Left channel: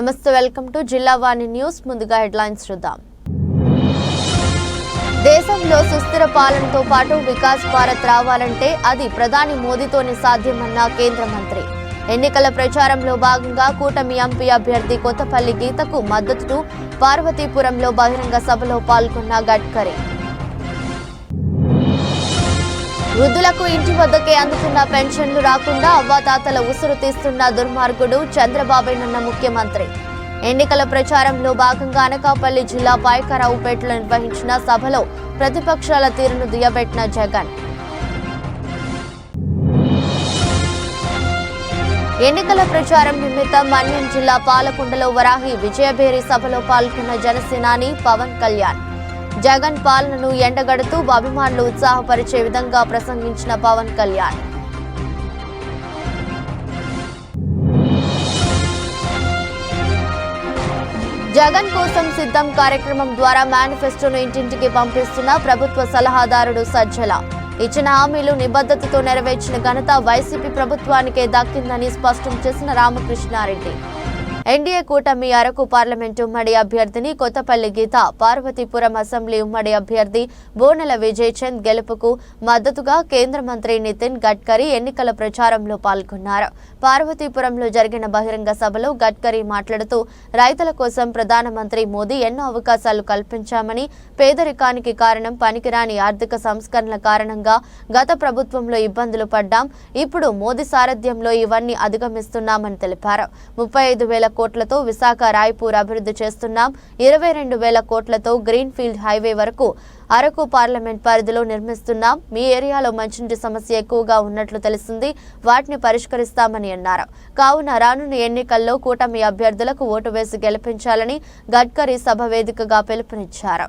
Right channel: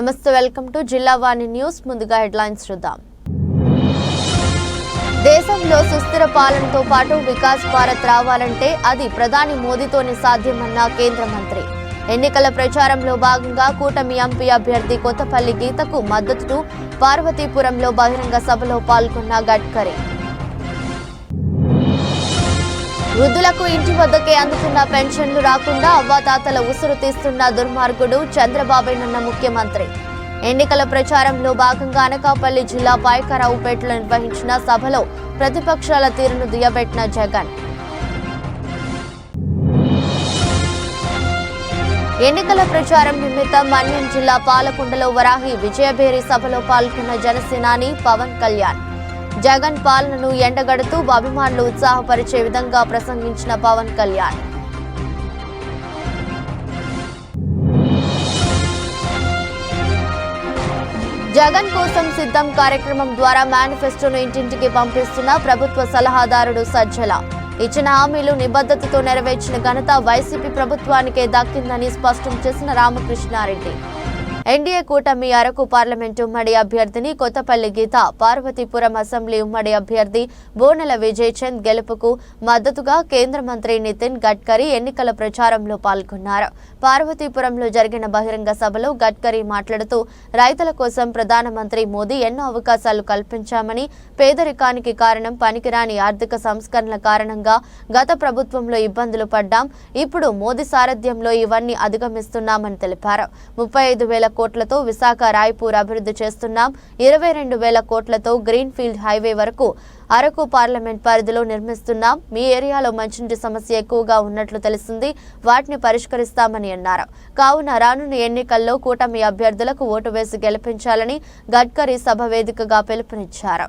నమస్తే, welcome to జిల్లా వాణి news. ముందుగా హెడ్లైన్స్ చూద్దాం. దేశంలో సుస్థిర పాలనతో పాటు వికాస్ భారత్ రావాలంటే అది ప్రధాని మోదీతోనే సాధ్యమన్న కేంద్ర మంత్రి. ఎన్నికల ప్రచారంలో భాగంగా కూటమి ఎంపీ అభ్యర్థి కొత్తపల్లి గీతకు మద్దతు. పార్వతీపురంలో బహిరంగ సభలో పాల్గొన్న గడ్కరీ. వృద్ధులకు ఇంటి వద్దకే అందుతున్న పెన్షన్లు రాకుండా అవ్వాతాతల ఉసురు తీస్తున్న దుర్మార్గుడు చంద్రబాబేనన్న ముఖ్యమంత్రి. ఎన్నికల ప్రచారంలో భాగంగా అనకాపల్లి జిల్లా పాయకరావుపేటలో నిర్వహించిన సభలో ప్రతిపక్షాల తీరును దుయ్యబెట్టిన జగన్. ఎన్నికల ప్రచారం నిమిత్తం మన్యం జిల్లా పాలకొండలో వరాహి విజయభేరి సభలో పాల్గొన్న జనసేనాని పవన్ కళ్యాణ్. జగన్ పాలనను ఎండగడుతూ అభిమానులు ఉత్సాహపరిచే విధంగా ప్రసంగించిన పవన్ కళ్యాణ్. జగన్ కోసం సిద్ధం కార్యక్రమం ద్వారా మేనిఫెస్టోను ఇంటింటికి పంపిస్తున్న ప్రభుత్వ సలహాదారుడు సజ్జల. ఇచ్చిన హామీలు నిబద్ధతతో నెరవేర్చిన ఘనత వైసీపీ ప్రభుత్వానికే దక్కిందని స్పష్టం చేసిన రామకృష్ణారెడ్డి. ఎన్డీఏ కూటమి అరకు పార్లమెంటు ఉమ్మడి అభ్యర్థిని కొత్తపల్లి గీత, పార్వతీపురం అసెంబ్లీ ఉమ్మడి అభ్యర్థి బోనెల విజయ్ చంద్ గెలుపుకు మద్దతుగా కేంద్ర మంత్రి నితిన్ గడ్కరీ ఎన్నికల ప్రచారంలో పాల్గొన్నారు. పార్వతీపురంలో జరిగిన బహిరంగ సభలో గడ్కరీ మాట్లాడుతూ రైతుల కోసం ప్రధానమంత్రి మోదీ ఎన్నో అవకాశాలు కల్పించామని, పేదరికానికి కారణం పనికిరాని ఆర్థిక సంస్కరణల కారణంగా గత ప్రభుత్వంలో ఇబ్బందులు పడ్డాం, ఇప్పుడు మోదీ సారథ్యంలో ఇవన్నీ అధిగమిస్తున్నామని తెలిపారు. 35,000 కోట్లతో విశాఖ రాయ్పూర్ అభివృద్ధి చేస్తున్నాం. 22,000 కోట్లతో గ్రీన్ ఫీల్డ్ హైవే వరకు అరకు పార్లమెంట్ పరిధిలో నిర్మిస్తున్నాం. మీ ఏరియాలో మంచినీటి సమస్య ఎక్కువగా ఉన్నట్లు తెలిసింది, వాటిని పరిష్కరిస్తామని అన్నారు. కావున రానున్న ఎన్నికల్లో కూటమి అభ్యర్థులకు ఓటు వేసి గెలిపించాలని గడ్కరీ సభ వేదికగా పిలుపునిచ్చారు.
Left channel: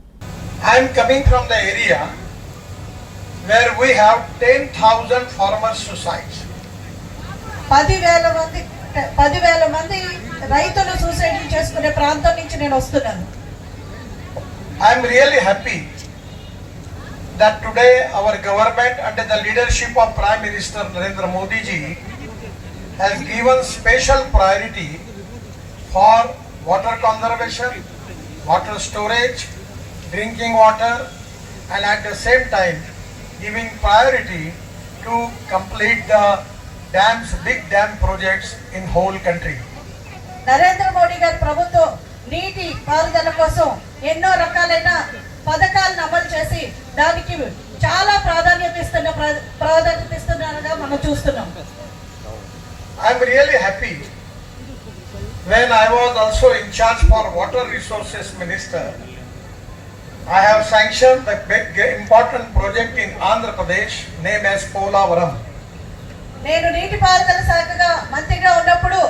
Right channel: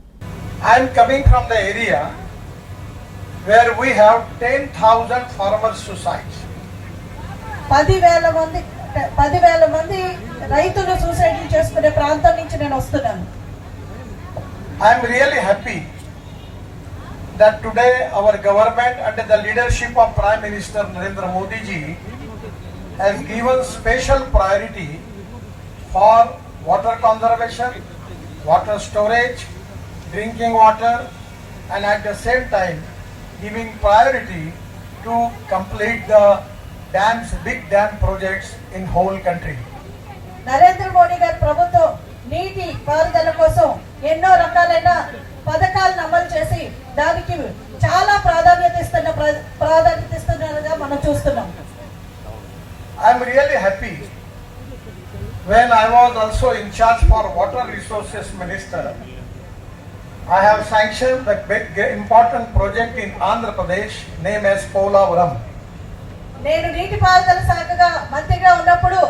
10,000 మంది రైతులు సూసైడ్ చేసుకునే ప్రాంతం నుంచి నేను వస్తున్నాను. I am really happy that today our government under the leadership of Prime Minister Narendra Modi ji has given special priority for water conservation, water storage, drinking water, and at the same time giving priority to complete the dams, big dam projects in whole country. Narendra Modi గారి ప్రభుత్వం నీటి పారుదల కోసం ఎన్నో రకాలైన పథకాలను అమలు చేసి దానికి చాలా ప్రాధాన్యత ఇస్తున్నారుగా మనం చూస్తున్నాం. I am really happy when I was also in charge for water resources minister. I have sanctioned the big important project in Andhra Pradesh named as Polavaram. నేను నీటిపారుదల శాఖగా మంత్రిగా ఉన్నప్పుడు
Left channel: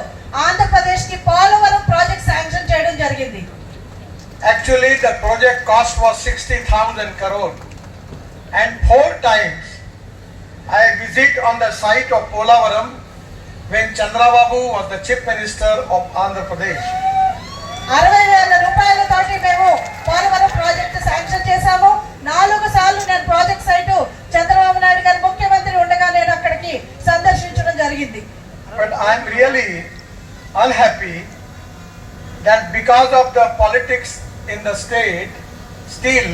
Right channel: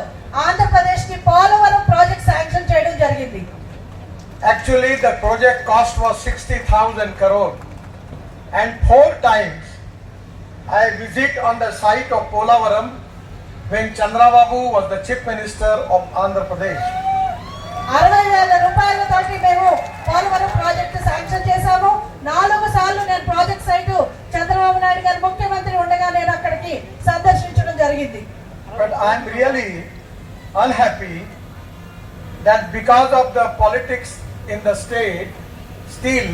ఆంధ్రప్రదేశ్ కి పోలవరం ప్రాజెక్ట్ శాంక్షన్ చేయడం జరిగింది. Actually the project cost was 60,000 crore and 4 times I visit on the site of Polavaram when Chandrababu was the chief minister of Andhra Pradesh. 60,000 రూపాయలతోటి మేము పోలవరం ప్రాజెక్ట్ శాంక్షన్ చేశాము. 4 సార్లు నేను ప్రాజెక్ట్ సైట్ చంద్రబాబు నాయుడు గారు ముఖ్యమంత్రి ఉండగా నేను అక్కడికి సందర్శించడం జరిగింది. But I am really unhappy that because of the politics in the state still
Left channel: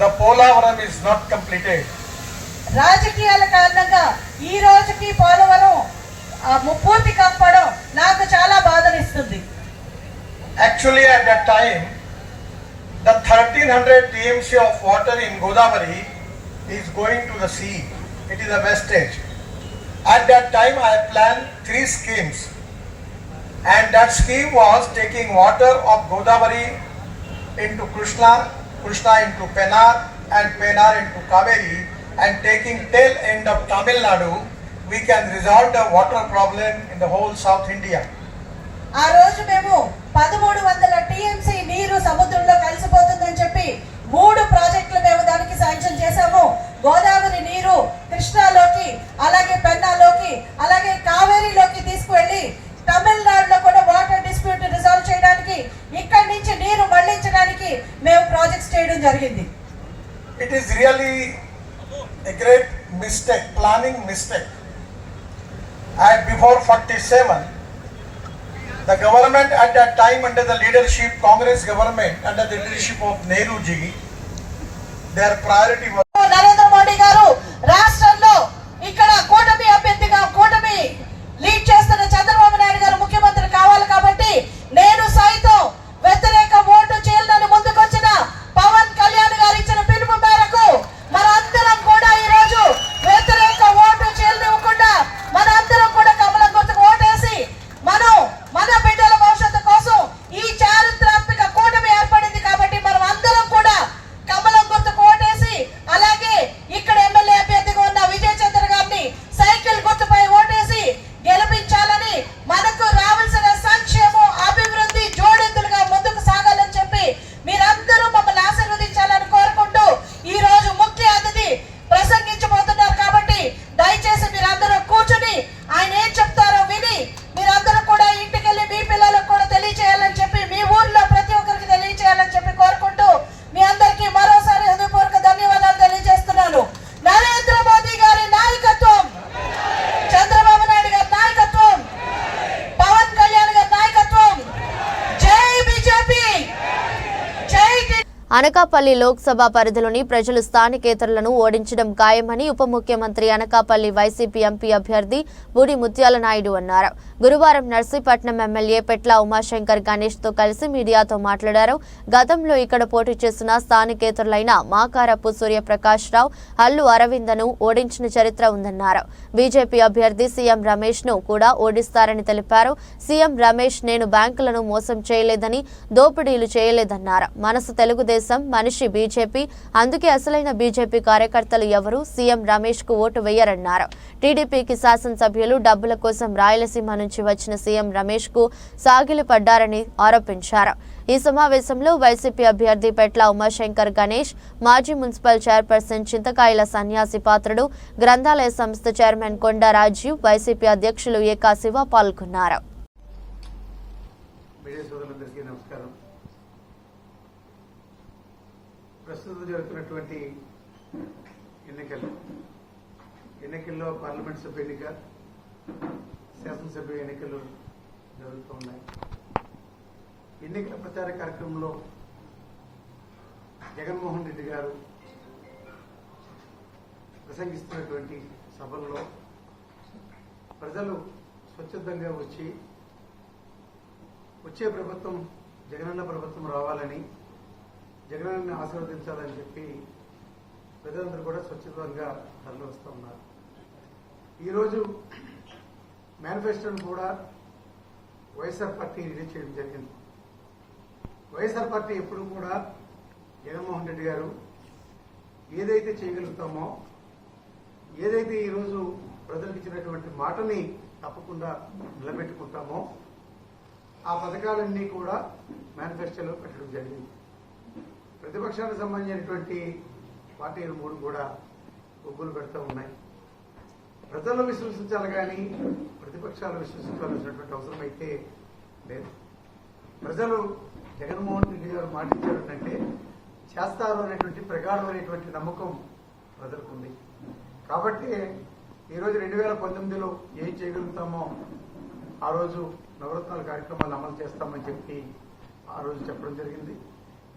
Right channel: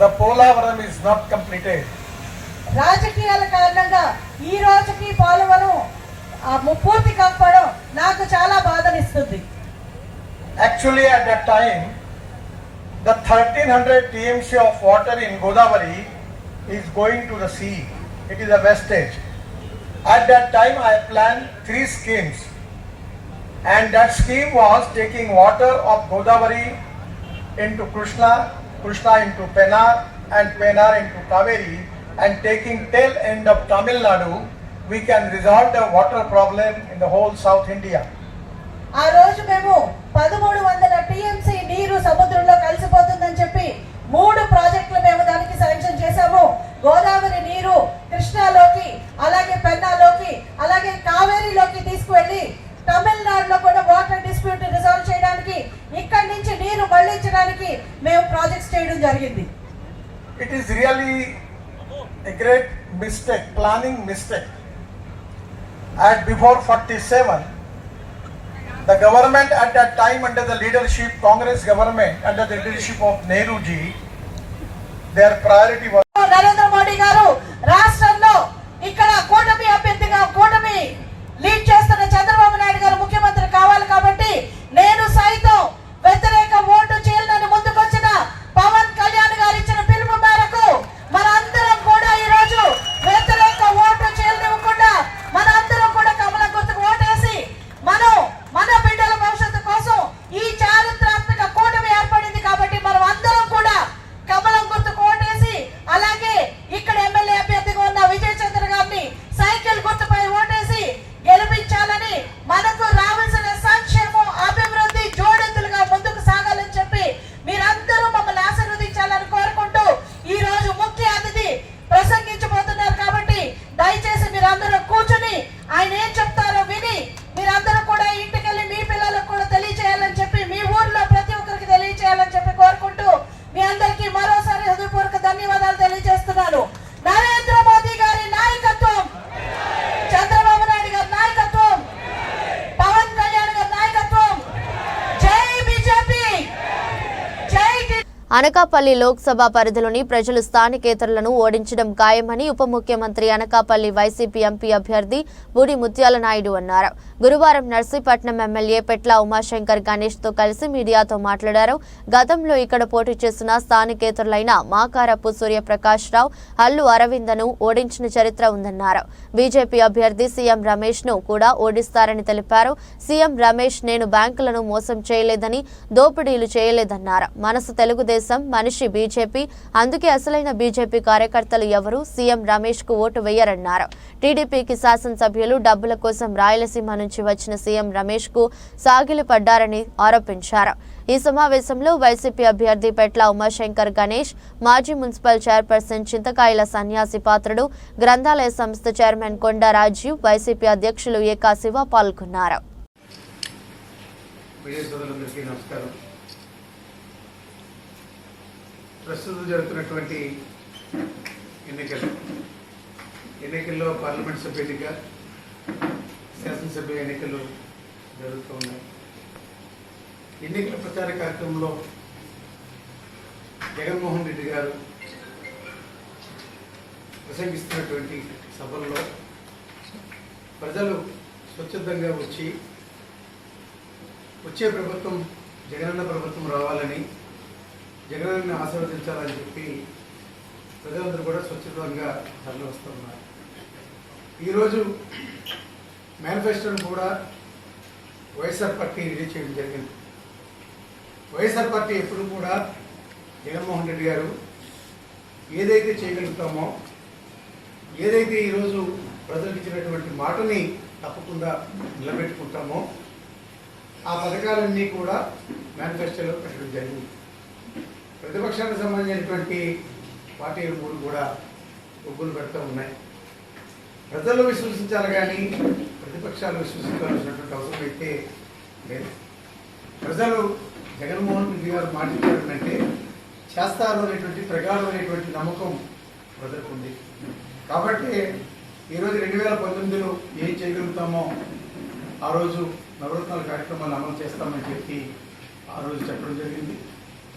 the Polavaram is not completed. రాజకీయాల కారణంగా ఈ రోజుకి పోలవరం పూర్తి కాకపోవడం నాకు చాలా బాధనిస్తుంది. Actually at that time the 1300 TMC of water in Godavari is going to the sea. It is a wastage. At that time I planned 3 schemes and that scheme was taking water of Godavari into Krishna into Pennar and Pennar into Kaveri and taking tail end of Tamil Nadu, we can resolve the water problem in the whole South India. ఆ రోజు మేము 1300 TMC నీరు సముద్రంలో కలిసిపోతుందని చెప్పి 3 ప్రాజెక్టులు మేము దానికి sanction చేశాము. గోదావరి నీరు కృష్ణాలోకి, అలాగే పెన్నాలోకి, అలాగే కావేరీలోకి తీసుకువెళ్ళి తమిళనాడులో కూడా వాటర్ డిస్ప్యూట్ రిజాల్వ్ చేయడానికి, ఇక్కడి నుంచి నీరు మళ్లించడానికి మేము ప్రాజెక్ట్స్ చేయడం జరిగింది. It is really a great mistake, planning mistake. At before 47 The government at that time under the leadership, Congress government under the leadership of Nehru ji, their priority was Narendra Modi గారు రాష్ట్రంలో ఇక్కడ కూటమి అభ్యర్థిగా కూటమి లీడ్ చేస్తున్న చంద్రబాబు నాయుడు గారు ముఖ్యమంత్రి కావాలి కాబట్టి నేను సైతం వ్యతిరేక ఓటు చేయాలని ముందుకొచ్చిన పవన్ కళ్యాణ్ గారు ఇచ్చిన పిలుపు మేరకు మనందరం కూడా ఈ రోజు వ్యతిరేక ఓటు చేయనివ్వకుండా మనందరం కూడా కమలం గుర్తుకు ఓటేసి మన బిడ్డల భవిష్యత్తు కోసం ఈ చారిత్రాత్మక కూటమి ఏర్పడింది కాబట్టి మనం అందరం కూడా కమలం గుర్తుకు ఓటేసి అలాగే ఇక్కడ ఎమ్మెల్యే అభ్యర్థిగా ఉన్న విజయ్ చంద్ర గారిని సైకిల్ గుర్తుపై ఓటేసి గెలిపించాలని మనకు రావాల్సిన సంక్షేమం అభివృద్ధి జోడెత్తులుగా ముందుకు సాగాలని చెప్పి మీరందరూ మమ్మల్ని ఆశీర్వదించాలని కోరుకుంటూ ఈ రోజు ముఖ్య అతిథి ప్రసంగించబోతున్నారు కాబట్టి దయచేసి మీరందరూ కూర్చొని ఆయన ఏం చెప్తారో విని మీరందరూ కూడా ఇంటికెళ్ళి మీ పిల్లలకు కూడా తెలియజేయాలని చెప్పి మీ ఊర్లో ప్రతి ఒక్కరికి తెలియజేయాలని చెప్పి కోరుకుంటూ మీ అందరికీ మరోసారి హృదయపూర్వక ధన్యవాదాలు తెలియజేస్తున్నాను. నరేంద్ర మోదీ గారి నాయకత్వం, చంద్రబాబు నాయుడు గారి నాయకత్వం, పవన్ కళ్యాణ్ గారి నాయకత్వం. జై బీజేపీ, జై అనకాపల్లి లోక్సభ పరిధిలోని ప్రజలు స్థానికేతరులను ఓడించడం ఖాయమని ఉప ముఖ్యమంత్రి అనకాపల్లి వైసీపీ ఎంపీ అభ్యర్థి బూడి ముత్యాల నాయుడు అన్నారు. గురువారం నర్సీపట్నం ఎమ్మెల్యే పెట్ల ఉమాశంకర్ గణేష్ తో కలిసి మీడియాతో మాట్లాడారు. గతంలో ఇక్కడ పోటీ చేసిన స్థానికేతరులైన మాకారపు సూర్యప్రకాష్ రావు, అల్లు అరవిందను ఓడించిన చరిత్ర ఉందన్నారు. బీజేపీ అభ్యర్థి సీఎం రమేష్ ను కూడా ఓడిస్తారని తెలిపారు. సీఎం రమేష్ నేను బ్యాంకులను మోసం చేయలేదని, దోపిడీలు చేయలేదన్నారు. మనసు తెలుగుదేశం, మనిషి బీజేపీ, అందుకే అసలైన బీజేపీ కార్యకర్తలు ఎవరు సీఎం రమేష్ కు ఓటు వేయరన్నారు. టీడీపీకి శాసనసభ్యులు డబ్బుల కోసం రాయలసీమ నుంచి వచ్చిన సీఎం రమేష్ కు సాగిలి పడ్డారని ఆరోపించారు. ఈ సమావేశంలో వైసీపీ అభ్యర్థి పెట్ల ఉమాశంకర్ గణేష్, మాజీ మున్సిపల్ చైర్పర్సన్ చింతకాయల సన్యాసి పాత్రుడు, గ్రంథాలయ సంస్థ చైర్మన్ కొండా రాజీవ్, వైసీపీ అధ్యక్షులు ఏకా శివ పాల్గొన్నారు. ప్రస్తుతం జరుగుతున్నటువంటి ఎన్నికల్లో పార్లమెంట్ సభ్య ఎన్నిక, శాసనసభ్య ఎన్నికలు జరుగుతూ ఉన్నాయి. ఎన్నికల ప్రచార కార్యక్రమంలో జగన్మోహన్ రెడ్డి గారు ప్రసంగిస్తున్నటువంటి సభల్లో ప్రజలు స్వచ్ఛందంగా వచ్చే ప్రభుత్వం జగనన్న ప్రభుత్వం రావాలని, జగనన్న ఆశీర్వదించాలని చెప్పి ప్రజలందరూ కూడా స్వచ్ఛందంగా తరలి వస్తూ ఉన్నారు. ఈరోజు మేనిఫెస్టోను కూడా వైఎస్ఆర్ పార్టీ రిలీజ్ చేయడం జరిగింది. వైఎస్ఆర్ పార్టీ ఎప్పుడు కూడా జగన్మోహన్ రెడ్డి గారు ఏదైతే చేయగలుగుతామో, ఏదైతే ఈరోజు ప్రజలకు ఇచ్చినటువంటి మాటని తప్పకుండా నిలబెట్టుకుంటామో ఆ పథకాలన్నీ కూడా మేనిఫెస్టోలో పెట్టడం జరిగింది. ప్రతిపక్షానికి సంబంధించినటువంటి పార్టీలు మూడు కూడా ఒగ్గులు పెడుతూ ఉన్నాయి. ప్రజలు విశ్వసించాలి కానీ ప్రతిపక్షాలు విశ్వసించాల్సినటువంటి అవసరం అయితే లేదు. ప్రజలు జగన్మోహన్ రెడ్డి గారు మాట్లాడారంటే చేస్తారు అనేటువంటి ప్రగాఢమైనటువంటి నమ్మకం ప్రజలకు ఉంది. కాబట్టి ఈరోజు 2019లో ఏం చేయగలుగుతామో ఆ రోజు నవరత్నాల కార్యక్రమాలు అమలు చేస్తామని చెప్పి ఆ రోజు చెప్పడం జరిగింది.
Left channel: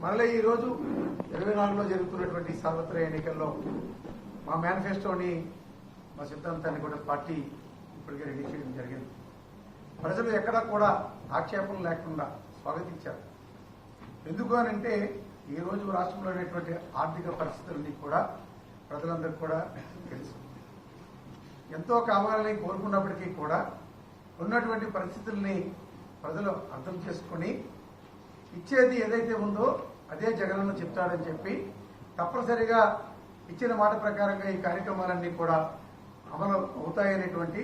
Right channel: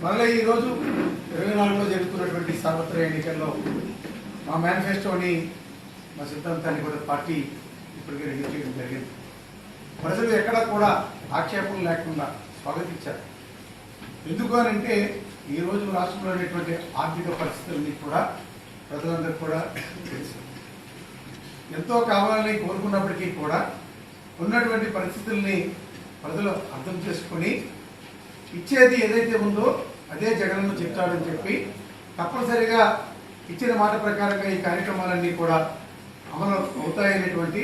మళ్ళీ ఈరోజు 24లో జరుగుతున్నటువంటి సార్వత్రిక ఎన్నికల్లో మా మేనిఫెస్టోని, మా సిద్ధాంతాన్ని కూడా పార్టీ ఇప్పటికే రెడీ చేయడం జరిగింది. ప్రజలు ఎక్కడా కూడా ఆక్షేపణలు లేకుండా స్వాగతించారు. ఎందుకు అనంటే ఈరోజు రాష్ట్రంలో అనేటువంటి ఆర్థిక పరిస్థితులన్నీ కూడా ప్రజలందరికీ కూడా తెలుసు. ఎంతో కావాలని కోరుకున్నప్పటికీ కూడా ఉన్నటువంటి పరిస్థితుల్ని ప్రజలు అర్థం చేసుకుని ఇచ్చేది ఏదైతే ఉందో అదే జగనన్న చెప్తాడని చెప్పి తప్పనిసరిగా ఇచ్చిన మాట ప్రకారంగా ఈ కార్యక్రమాలన్నీ కూడా అమలు అవుతాయనేటువంటి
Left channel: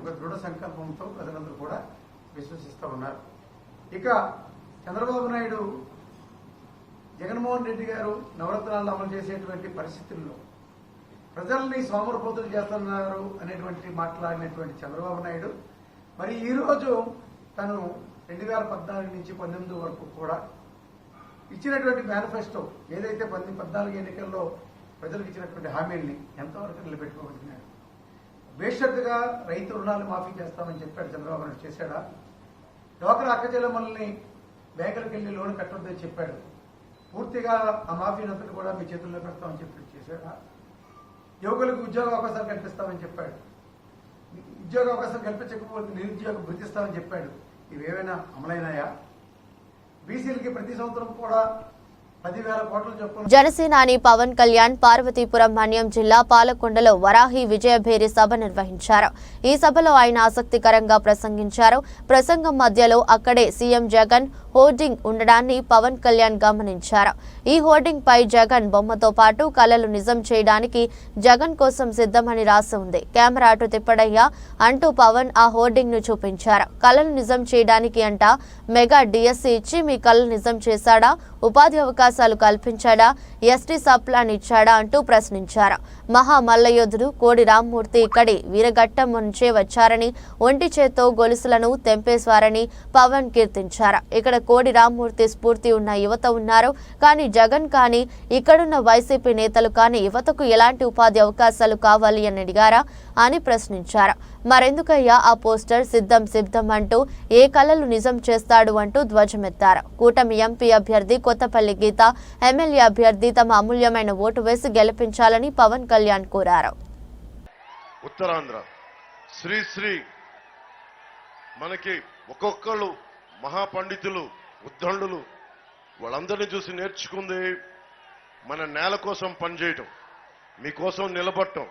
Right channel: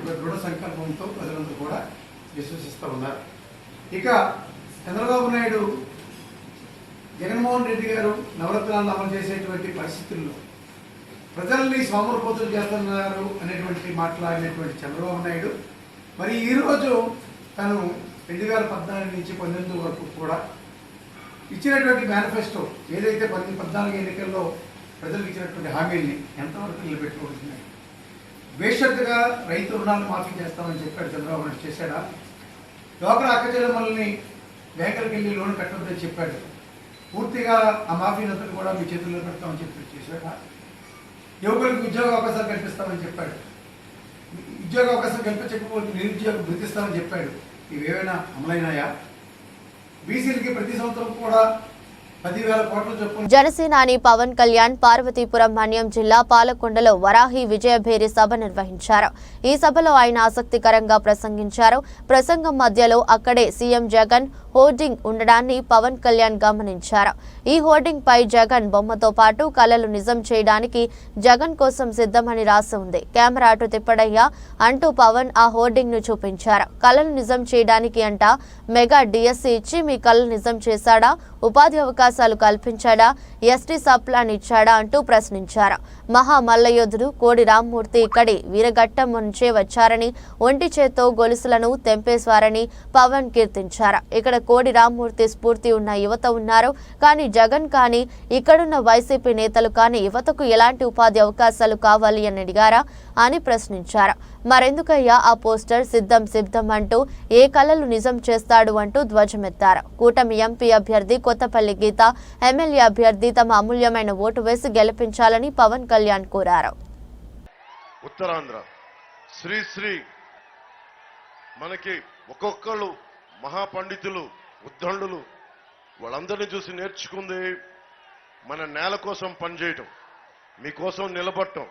ఒక దృఢ సంకల్పంతో ప్రజలందరూ కూడా విశ్వసిస్తూ ఉన్నారు. ఇక చంద్రబాబు నాయుడు జగన్మోహన్ రెడ్డి గారు నవరత్నాలను అమలు చేసేటువంటి పరిస్థితుల్లో ప్రజల్ని సోమరిపోతులు చేస్తున్నారు అనేటువంటి మాట్లాడినటువంటి చంద్రబాబు నాయుడు మరి ఈరోజు తను 2014 నుంచి 19 వరకు కూడా ఇచ్చినటువంటి మేనిఫెస్టో ఏదైతే 14 ఎన్నికల్లో ప్రజలకు ఇచ్చినటువంటి హామీల్ని ఎంతవరకు డ్వాక్రా అక్కచెల్లెమ్మల్ని బ్యాంకులకు వెళ్ళి లోన్ కట్టొద్దని చెప్పాడు. పూర్తిగా ఆ మాఫీనంతటి కూడా మీ చేతుల్లో పెడతామని చెప్పి చేశాడు. యువకులకు ఉద్యోగ అవకాశాలు కల్పిస్తామని చెప్పాడు. ఉద్యోగ అవకాశం కల్పించకపోతే నిరుద్యోగం గుర్తిస్తామని చెప్పాడు. ఇవేమైనా అమలైనాయా? బీసీలకి ప్రతి సంవత్సరం కూడా 10,000 కోట్ల చొప్పున. జనసేనాని పవన్ కళ్యాణ్ పార్వతీపురం మన్యం జిల్లా పాలకొండలో వరాహి విజయభేరి సభ నిర్వహించారు. ఈ సభలో ఆయన ఆసక్తికరంగా ప్రసంగించారు. ప్రసంగం మధ్యలో అక్కడే సీఎం జగన్ హోర్డింగ్ ఉండడాన్ని పవన్ కళ్యాణ్ గమనించారు. ఈ హోర్డింగ్ పై జగన్ బొమ్మతో పాటు కలలు నిజం చేయడానికి జగన్ కోసం సిద్ధమని రాసి ఉంది. కెమెరా అటు తిప్పడయ్యా అంటూ పవన్ ఆ హోర్డింగ్ ను చూపించారు. కలలు నిజం చేయడానికి అంట మెగా డిఎస్సీ ఇచ్చి మీ కలలు నిజం చేశాడా, ఉపాధి అవకాశాలు కల్పించాడా, ఎస్టీ సప్లాన్ ఇచ్చాడా అంటూ ప్రశ్నించారు. మహా మల్లయోధుడు కోడి రామ్మూర్తి ఇక్కడి వీరఘట్టం నుంచే వచ్చారని, ఒంటి చేత్తో గొలుసులను తెంపేశారని పవన్ కీర్తించారు. ఇక్కడ కోడి రామ్మూర్తి స్ఫూర్తి ఉన్న యువత ఉన్నారు, కానీ జగన్ కానీ ఇక్కడున్న వైసీపీ నేతలు కానీ యువతకు ఎలాంటి ఉపాధి అవకాశాలు కావాలి అని అడిగారా అని ప్రశ్నించారు. మరెందుకయ్యా ఆ పోస్టర్ సిద్ధం సిద్ధం అంటూ ఏ కలలు నిజం చేస్తాడు అంటూ ధ్వజమెత్తారు. కూటమి ఎంపీ అభ్యర్థి కొత్తపల్లి గీత, ఎమ్మెల్యే అభ్యర్థి తమ అమూల్యమైన ఓటు వేసి గెలిపించాలని పవన్ కళ్యాణ్ కోరారు. ఉత్తరాంధ్ర శ్రీ మనకి ఒక్కొక్కళ్ళు మహాపండితులు, ఉద్దండులు, వాళ్ళందరినీ చూసి నేర్చుకుంది మన నేల కోసం పనిచేయటం, మీకోసం నిలబడటం.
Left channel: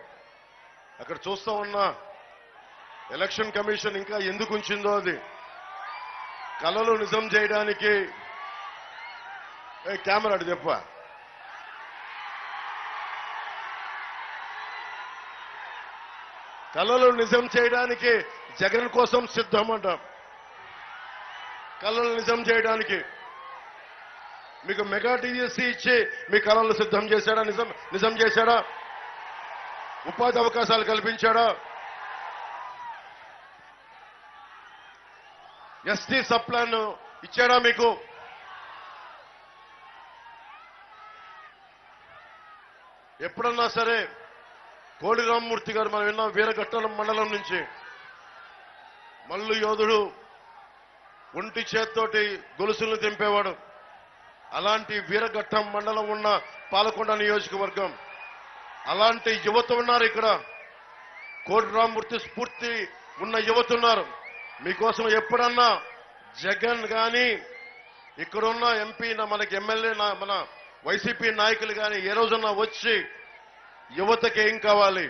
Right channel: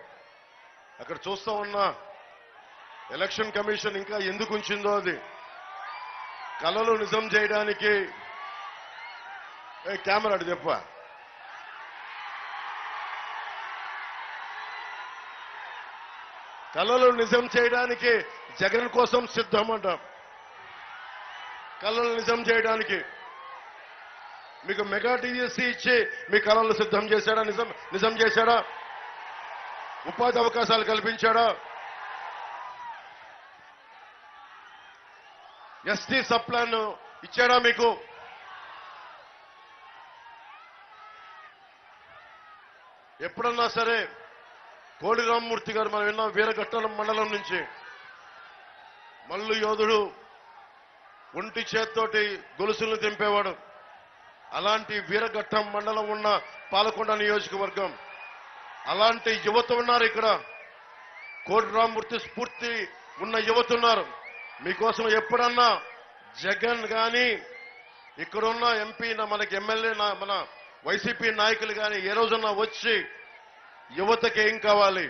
అక్కడ చూస్తా ఉన్న ఎలక్షన్ కమిషన్ ఇంకా ఎందుకు ఉంచిందో అది కలలు నిజం చేయడానికి. కెమెరా అటు చెప్ప. కలలు నిజం చేయడానికి జగన్ కోసం సిద్ధం అంట. కళలు నిజం చేయడానికి మీకు మెగా డిఎస్సీ ఇచ్చి మీ కళలు సిద్ధం చేశాడా? నిజం చేశాడా? ఉపాధి అవకాశాలు కల్పించాడా? ఎస్టీ సప్లాన్ ఇచ్చాడా మీకు? ఎప్పుడన్నా సరే కోడి రామ్మూర్తి గారు మనం విన్నాం వీరఘట్టం మండలం నుంచి, మల్లు యోధుడు, ఒంటి చేత్తోటి గొలుసులను తెంపేవాడు. అలాంటి వీరఘట్టం మండలం ఉన్న పాలకొండ నియోజకవర్గం, అలాంటి యువత ఉన్నారు ఇక్కడ. కోడి రామ్మూర్తి స్ఫూర్తి ఉన్న యువత ఉన్నారు. మీకోసం ఎప్పుడన్నా జగన్ కానీ ఇక్కడున్న ఎంపీ, మనకి ఎమ్మెల్యే, మన వైసీపీ నాయకులు కానీ ఏ రోజన్నా వచ్చి యువతకి ఏం కావాలి,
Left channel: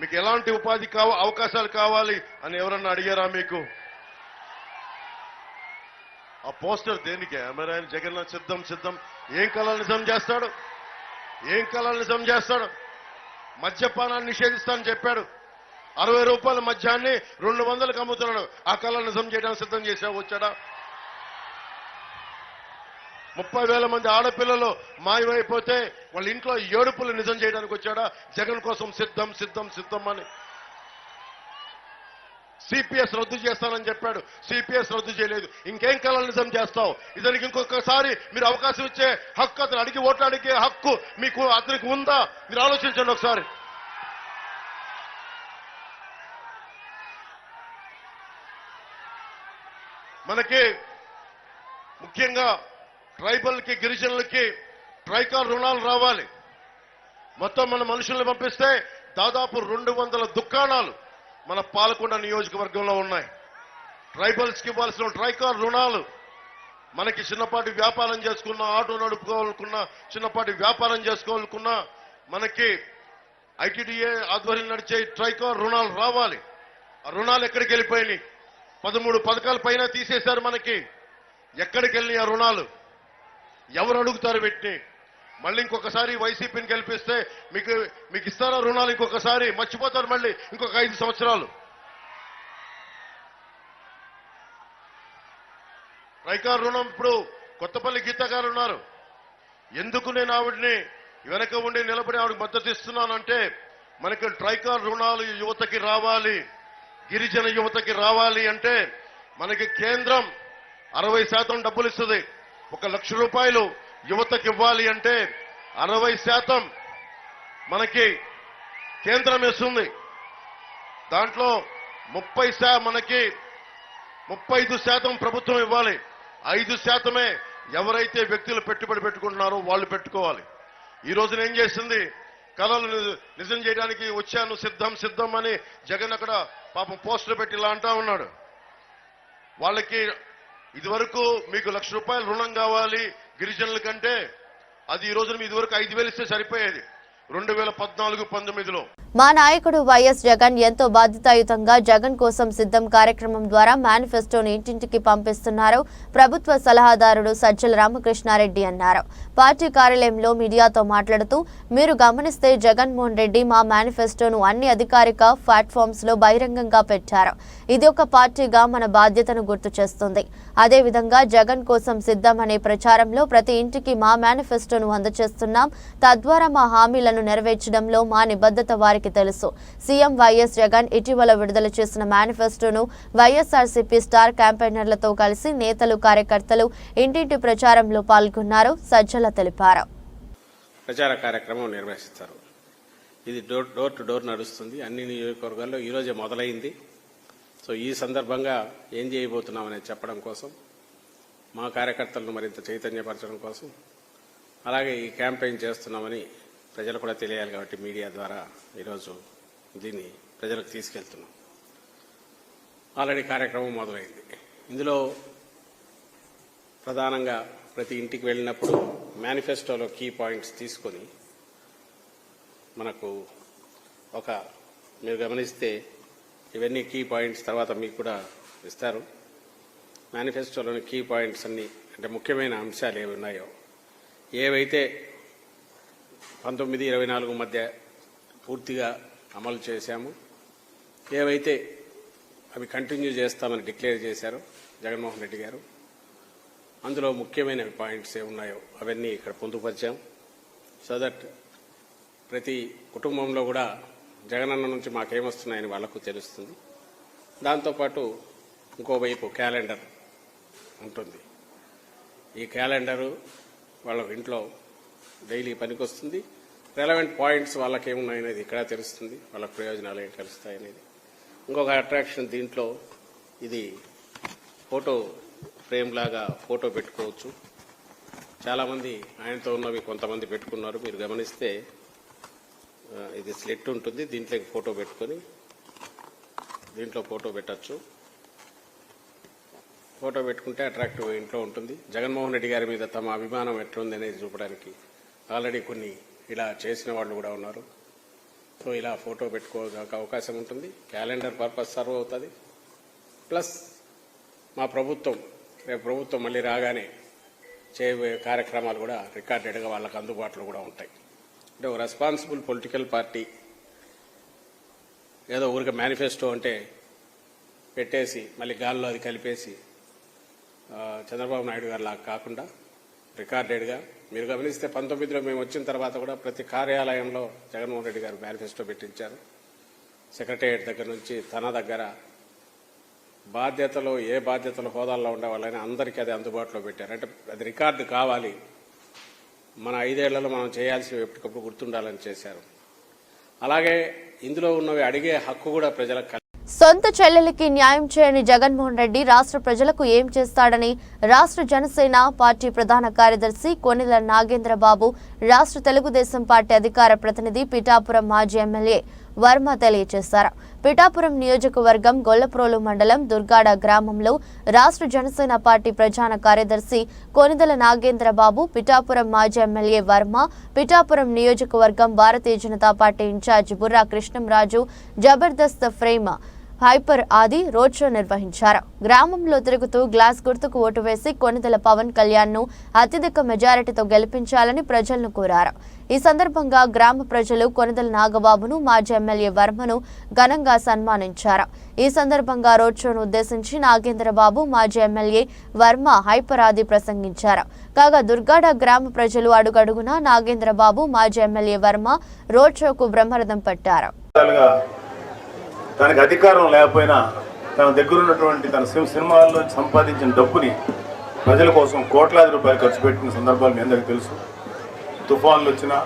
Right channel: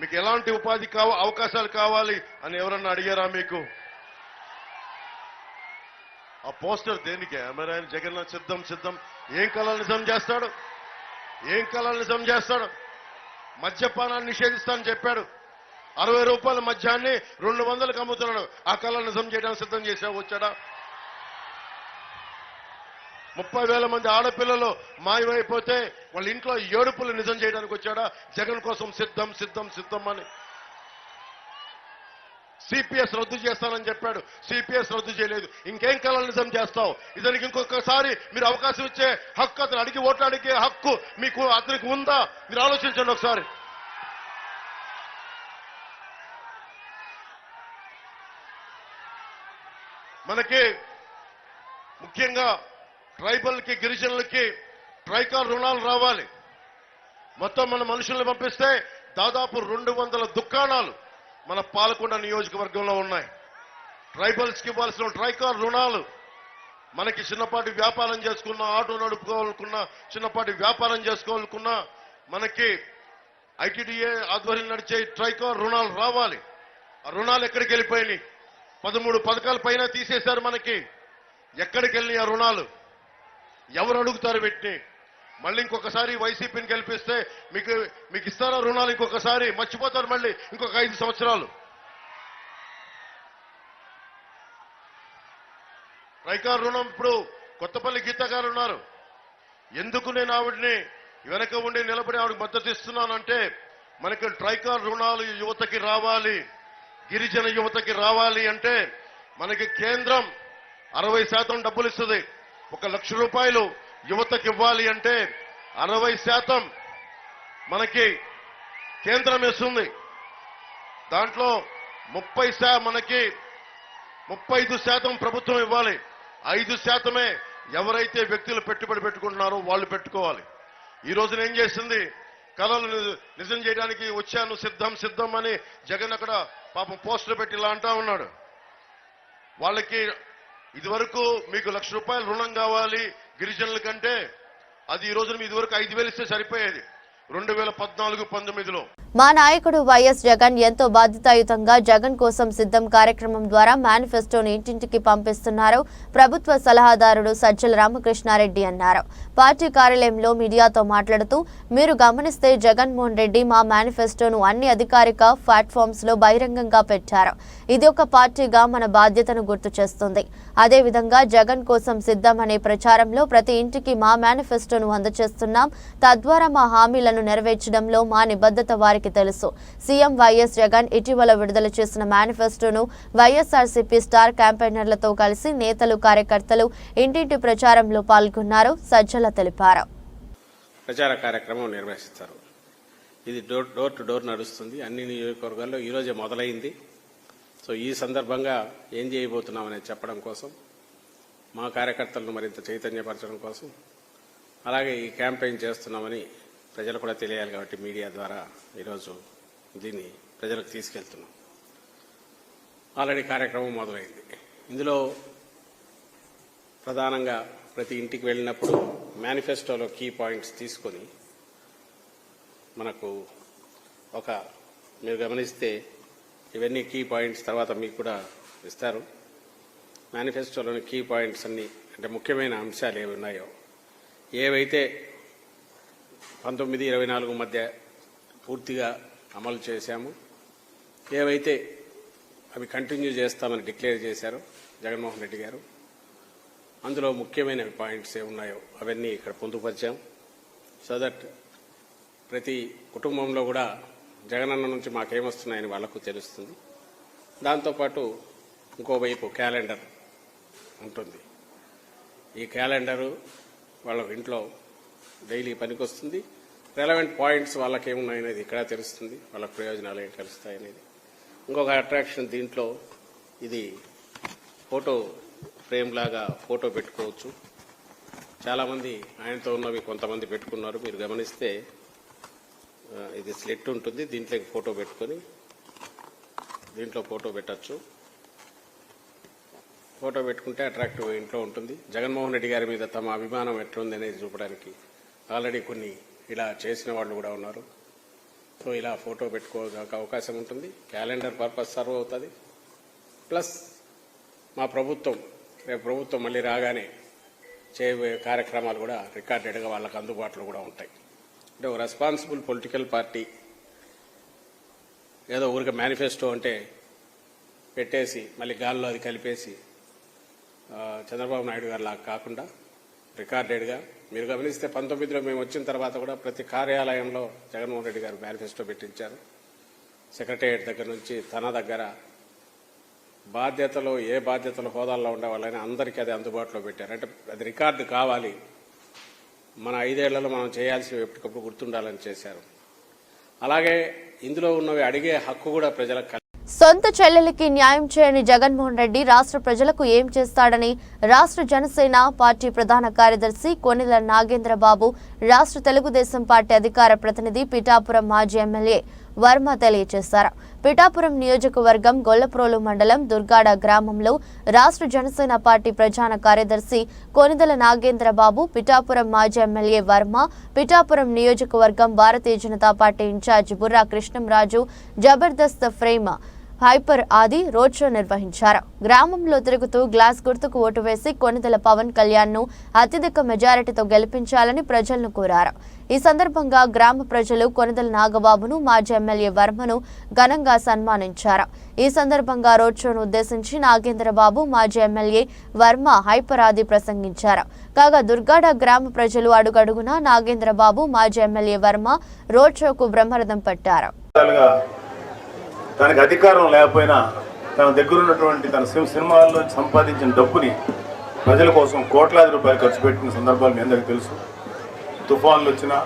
మీకు ఎలాంటి ఉపాధి అవకాశాలు కావాలి అని ఎవరన్నా అడిగారా మీకు? ఆ పోస్టర్ దేనికి? మరి ఆయన జగన్ సిద్ధం ఏం కళలు నిజం చేస్తాడు? ఏం కళలు నిజం చేస్తాడు? మద్యపానాన్ని నిషేధిస్తానని చెప్పాడు. 60 రూపాయల మద్యాన్ని 200కు అమ్ముతున్నాడు. ఆ కళలు నిజం చేయడానికి సిద్ధం చేశావు, వచ్చాడా? 30,000 మంది ఆడపిల్లలు మాయమైపోతే వాళ్ళ ఇంట్లో ఏడుపులు నిజం చేయడానికి వచ్చాడా? జగన్ కోసం సిద్ధం అని. సిపిఎస్ రద్దు చేస్తానని చెప్పాడు, సిపిఎస్ రద్దు చేయలేదు. ఇంకేం కళలు నిజం చేస్తావు? ఇతనికి ఇంకొకసారి మీరు అవకాశం ఇచ్చే హక్కు, అతను అడిగి ఓట్లు అడిగే హక్కు మీకు అతనికి ఉందా? మీరు ఆలోచించండి ఒకసారి. మనకి ముఖ్యంగా ట్రైబల్కి, గిరిజనులకి ట్రైకార్ రుణాలు రావాలి. మొత్తం మన మనుషుల్ని పంపిస్తే దాదాపు 200 దుకాణాలు మన పాలకొండ నియోజకవర్గంలో ఉన్నాయి. ట్రైబల్స్కి ఇవ్వాల్సిన ట్రైకార్ రుణాలు, మనకి చిన్నపాటి వ్యాపారం చేసుకున్నా, ఆటో నడుపుకోవాలనుకున్నా, చిన్నపాటి వ్యాపారం చేసుకోవాలనుకున్నా మనకి ఐటీడీఏ ఆధ్వర్యం నడిచే ట్రైకార్ రుణాలు రావాలి. ఆ రుణాలు ఎక్కడికి వెళ్ళిపోయినాయి? 13 పథకాల పైన తీసేశారు. మనకి ఎక్కడికి వెళ్ళినాయి ఆ రుణాలు? ఎవరు అడుగుతారు వీటిని? మళ్ళీ ఇంకొకసారి వైసీపీని గెలిపిస్తే మీకు ఇస్తారా రుణాలు? ఇంకొకసారి మర్చిపోతారు మళ్ళీ ఇంకొక 5 సంవత్సరాలు. ట్రైకార్ రుణం ఇప్పుడు కొత్తపల్లి గీత గారు ఉన్నారు. ఎందుకు నేను ఆవిడని వెనక ఉండి నిలబడి ఆవిడకి మద్దతు ఇస్తున్నానంటే, మనకి ట్రైకార్ రుణాలు యువతకి రావాలి, గిరిజన యువతకి రావాలి అంటే మనకి కేంద్రం 60% డబ్బులు ఇస్తుంది. 1 లక్ష రూపాయలు యువతకి ఇవ్వాలి అంటే 60% మనకి కేంద్రం ఇస్తుంది. దాంట్లో 30% మనకి 35% ప్రభుత్వం ఇవ్వాలి. 5% ఎవరైతే వ్యక్తులు పెట్టుబడి పెట్టుకుంటున్నారో వాళ్ళు పెట్టుకోవాలి. ఈ రోజున ఏం చేసింది, కళలు నిజం చేయడానికి వచ్చాను సిద్ధం సిద్ధం అని జగన్ అక్కడ పాపం పోస్టులు పెట్టి ఇలా అంటా ఉన్నాడు. వాళ్ళకి ఇదివరకు మీకు ₹1,00,000 రుణం కావాలి గిరిజనుల కంటే, అది ఈ రోజున ఇదివరకు 5,000 ఇస్తే సరిపోయేది 2014-19లో. మా నాయకుడు వైఎస్ జగన్ ఎంతో బాధ్యతాయుతంగా జగన్ కోసం సిద్ధం కార్యక్రమం ద్వారా మేనిఫెస్టోను ఇంటింటికి పంపిస్తున్నారు ప్రభుత్వ సలహాదారుడు సజ్జల రామకృష్ణారెడ్డి అన్నారు. పార్టీ కార్యాలయంలో మీడియాతో మాట్లాడుతూ, మీరు గమనిస్తే జగన్మోహన్ రెడ్డి మా మేనిఫెస్టోను అన్ని అధికారిక ప్లాట్ఫామ్స్ లో బహిరంగంగా పెట్టారు. ఇది ఒక పార్టీగా మన బాధ్యతను గుర్తు చేస్తుంది. అదేవిధంగా జగన్ కోసం సిద్ధం అనే ప్రచారంలో ప్రతి ఇంటికి మా మేనిఫెస్టోను అందజేస్తున్నాం. తద్వారా మా హామీలను నెరవేర్చడంలో మా నిబద్ధత వారికి తెలుసు. సీఎం వైఎస్ జగన్ ఇటీవల విడుదల చేసిన మేనిఫెస్టోను వైఎస్ఆర్సీపీ స్టార్ క్యాంపెయినర్లతో కలిసి నేతలు కార్యకర్తలు ఇంటింటి ప్రచారంలో పాల్గొన్నారు. సజ్జల తెలిపారు. ప్రచార కార్యక్రమం నిర్వహిస్తారు. ఇది డోర్ టు డోర్ నడుస్తుంది. అన్ని నియోజకవర్గాల్లో ఈరోజే మొదలైంది. సో ఈ సందర్భంగా ఏం చేయబోతున్నామని చెప్పడం కోసం, మా కార్యకర్తలను మరింత చైతన్యపరచడం కోసం, అలాగే ఈ క్యాంపెయిన్ చేస్తున్నామని ప్రజలు కూడా తెలియాలి కాబట్టి మీడియా ద్వారా ఈరోజు దీన్ని ప్రజలకు తీసుకెళ్తున్నాం. ఆల్రెడీ కార్యక్రమం మొదలైంది. ఇందులో ప్రధానంగా ప్రతి ఇంటికి వెళ్ళినప్పుడు మేనిఫెస్టోలో కీ పాయింట్స్ తీసుకొని మనకు మీరు గమనిస్తే ఇవన్నీ కీ పాయింట్స్ తర్వాత మీకు కూడా ఇస్తారు. మేనిఫెస్టోలోని కీ పాయింట్స్ అన్ని అంటే ముఖ్యమైన అంశాలు ఏవి ఉన్నాయో, ఏవైతే 19-24 మధ్య పూర్తిగా అమలు చేశాము, ఏవైతే అవి కంటిన్యూ చేస్తామని డిక్లేర్ చేశారో జగన్మోహన్ రెడ్డి గారు, అందులో ముఖ్యమైన పాయింట్స్ ఏమున్నాయో అవన్నీ ఇక్కడ పొందుపరిచాం. సో దట్ ప్రతి కుటుంబంలో కూడా జగనన్న నుంచి మాకేమొస్తున్నాయని వాళ్లకు తెలుస్తుంది. దాంతోపాటు ఇంకోవైపు క్యాలెండర్ ఉంటుంది. ఈ క్యాలెండరు వాళ్ళ ఇంట్లో డైలీ పనికొస్తుంది. రెలవెంట్ పాయింట్స్ వాళ్ళకి ఏమున్నాయనేది ఇక్కడ తెలుస్తుంది, వాళ్ళ ప్రయోజనాలు ఏం కలుస్తాయనేది. ఇంకొక అట్రాక్షన్ దీంట్లో, ఇది ఫోటో ఫ్రేమ్ లాగా ఫోటో పెట్టుకోవచ్చు. చాలామంది ఆయనతో ఉన్నవి కొంతమంది పెట్టుకున్నారు. మీరు గమనిస్తే ఇది స్లెట్ ఉంటుంది, దీంట్లోకి ఫోటో పెట్టుకొని దీంట్లో ఫోటో పెట్టచ్చు. ఫోటో పెట్టుకుంటే అట్రాక్టివ్ ఇంట్లో ఉంటుంది. జగన్మోహన్ రెడ్డి గారి మీద తమ అభిమానం ఎట్లుంది అనేది చూపడానికి ఆల్రెడీ కొన్ని ఇలా చేసిన వాళ్ళు కూడా ఉన్నారు. సో ఇలా ఫోటో పెట్టుకోవడానికి అవకాశం ఉంటుంది. క్యాలెండర్ పర్పస్ సర్వ్ అవుతుంది. ప్లస్ మా రేపు ప్రభుత్వం మళ్ళీ రాగానే చేయబోయే కార్యక్రమాలు కూడా రికార్డెడ్గా వాళ్ళకి అందుబాటులో కూడా ఉంటాయి. అంటే ఒక రెస్పాన్సిబుల్ పొలిటికల్ పార్టీ ఏదో ఊరికి మేనిఫెస్టో అంటే పెట్టేసి మళ్ళీ గాల్లో అది కలిపేసి చంద్రబాబు నాయుడు గారు లాగా కాకుండా రికార్డెడ్గా మీరు గమనిస్తే 19లో మేము వచ్చిన తర్వాత కూడా ప్రతి కార్యాలయంలో జగన్మోహన్ రెడ్డి గారు మేనిఫెస్టో పెట్టించారు. సెక్రటేరియట్ దగ్గర నుంచి తన దగ్గర ఏ బాధ్యతలు హోదాల్లో ఉండే వాళ్ళని అందరికీ అది అందుబాటులో పెట్టారు. అంటే అది రికార్డు కావాలి, మన 5 ఏళ్లలో మనం చేయాల్సినవి ఎప్పటికప్పుడు గుర్తుండాలని చేశారు. అలాగే ఇందులో ఉన్నవి అడిగే హక్కు కూడా ప్రజలకు. సొంత చెల్లెలికి న్యాయం చేయని జగన్మోహన్ రెడ్డి రాష్ట్ర ప్రజలకు ఏం చేస్తాడని రాష్ట్ర జనసేన పార్టీ ప్రధాన కార్యదర్శి కొనిదెల నాగేంద్రబాబు, రాష్ట్ర తెలుగుదేశం పార్టీ అధికార ప్రతినిధి పిఠాపురం మాజీ ఎమ్మెల్యే వర్మ తెలియజేశారు. పిఠాపురం నియోజకవర్గం గొల్లప్రోలు మండలం దుర్గాడ గ్రామంలో రాష్ట్ర జనసేన పార్టీ ప్రధాన కార్యదర్శి కొనిదెల నాగేంద్రబాబు, పిఠాపురం మాజీ ఎమ్మెల్యే వర్మ, పిఠాపురం నియోజకవర్గం Bharatiya Janata party incharge Burra Krishnamraju, Jabardasth frame hyper Aadi road show నిర్వహించారు. గ్రామంలో తిరుగుతూ గ్లాస్ గుర్తుకు ఓటు వేసి కొనిదెల పవన్ కళ్యాణ్ ను అత్యధిక మెజారిటీతో గెలిపించాలని ప్రజలను కోరారు. ఈ సందర్భంగా గ్రామ ప్రజలు కొనిదెల నాగబాబును, మాజీ ఎమ్మెల్యే వర్మను ఘనంగా సన్మానించారు. ఈ సందర్భంగా రోడ్ షోను ఉద్దేశించి నాగేంద్రబాబు, మాజీ ఎమ్మెల్యే వర్మ హైపర్ ఆది ప్రసంగించారు. కాగా దుర్గాడ గ్రామ ప్రజలు అడుగడుగునా నాగేంద్రబాబు, మాజీ ఎమ్మెల్యే వర్మ రోడ్ షోకు బ్రహ్మరథం పట్టారు. తనకు అధికారం లేకపోయినా తన దగ్గర ఉన్నటువంటి తన సినిమాల్లో సంపాదించిన డబ్బుని ప్రజల కోసం కోట్లాది రూపాయలు ఖర్చు పెట్టిన సందర్భాలు మీ అందరికీ తెలుసు. తుఫాన్లు వచ్చినా,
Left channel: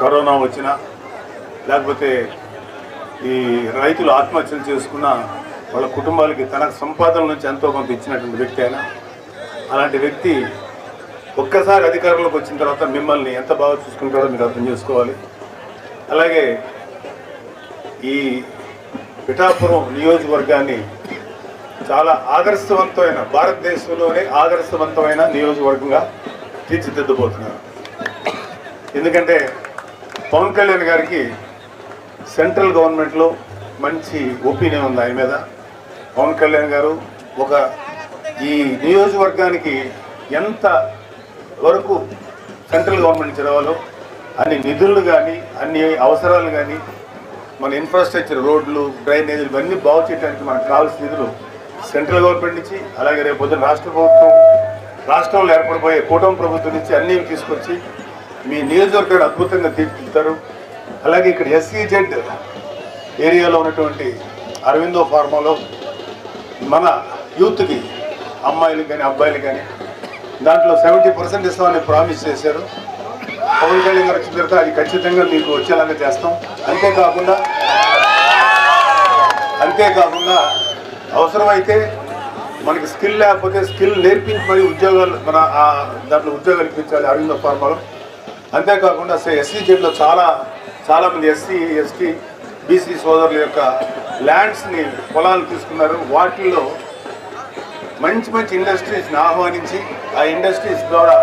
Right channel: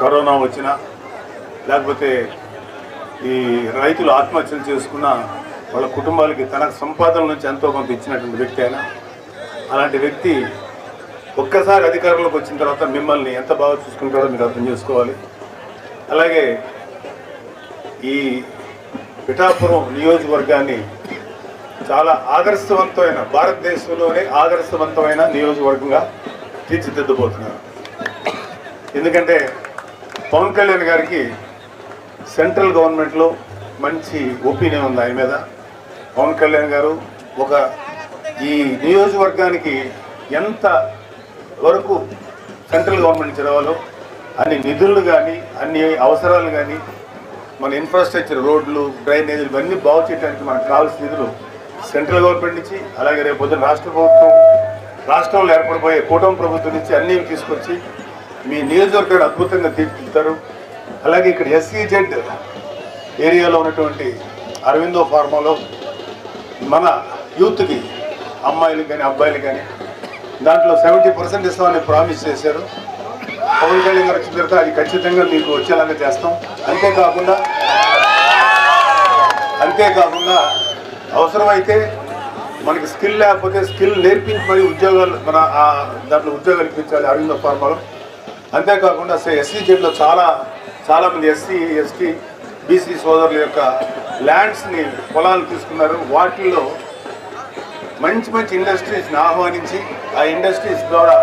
కరోనా వచ్చినా, లేకపోతే ఈ రైతులు ఆత్మహత్యలు చేసుకున్న వాళ్ళ కుటుంబాలకి తన సంపాదన నుంచి ఎంతో కొంత ఇచ్చినటువంటి వ్యక్తి అయినా అలాంటి వ్యక్తి ఒక్కసారి అధికారంలోకి వచ్చిన తర్వాత మిమ్మల్ని ఎంత బాగా చూసుకుంటారో మీరు అర్థం చేసుకోవాలి. అలాగే ఈ పిఠాపురం నియోజకవర్గాన్ని చాలా ఆదర్శవంతమైన, భారతదేశంలోనే ఆదర్శవంతమైన నియోజకవర్గంగా తీర్చిదిద్దబోతున్నారు. ఎందుకంటే పవన్ కళ్యాణ్ గారికి సెంట్రల్ గవర్నమెంట్లో మంచి ఒపీనియన్ ఉంది ఆయన మీద. పవన్ కళ్యాణ్ గారు ఈ నియోజకవర్గానికి ఎంత వరకు సెంట్రల్ గవర్నమెంట్ చదవాలో అన్ని నిధులు కానీ అన్ని అవసరాలు కానీ మన ఇన్ఫ్రాస్ట్రక్చర్, రోడ్లు, డ్రైనేజీలు ఇవన్నీ బాగు చేయడానికి మనకు కావాల్సిన నిధులు సెంట్రల్ గవర్నమెంట్ నుంచి, అలాగే రేపు పొద్దున రాష్ట్ర ప్రభుత్వం, రాష్ట్రంలో ఏర్పడిపోయే కూటమి ప్రభుత్వం నుంచి అన్నీ తీసుకొచ్చి మీ నియోజకవర్గాన్ని అద్భుతంగా తీర్చిదిద్దారు. అలాగే ఇక్కడ SEZ ఏరియాలో ఉన్నటువంటి అరవిందో ఫార్మాలో మన యూత్కి, అమ్మాయిలకు కానీ అబ్బాయిలకు కానీ దాంట్లో 70% ఇస్తామని ప్రామిస్ చేశారు. పవన్ కళ్యాణ్ గారు వచ్చిన తర్వాత అది ఖచ్చితంగా మీకు వచ్చేలాగా చేస్తాం. అంతేకాకుండా అవసరమైతే మనకి స్కిల్ లేకపోతే స్కిల్ నేర్పించి మరి ఉద్యోగాలు దాంట్లో ఉద్యోగాలు ఇప్పించాలి అరవిందో ఫార్మాలో. అంతేకాకుండా SEZలో చాలామంది SC, ST, BC సోదరుల యొక్క ల్యాండ్స్ని, పొలాలు తీసుకున్నారు. వాటిల్లో మంచి ఇండస్ట్రీస్ని ఆహ్వానించి ఆ ఇండస్ట్రీస్ ద్వారా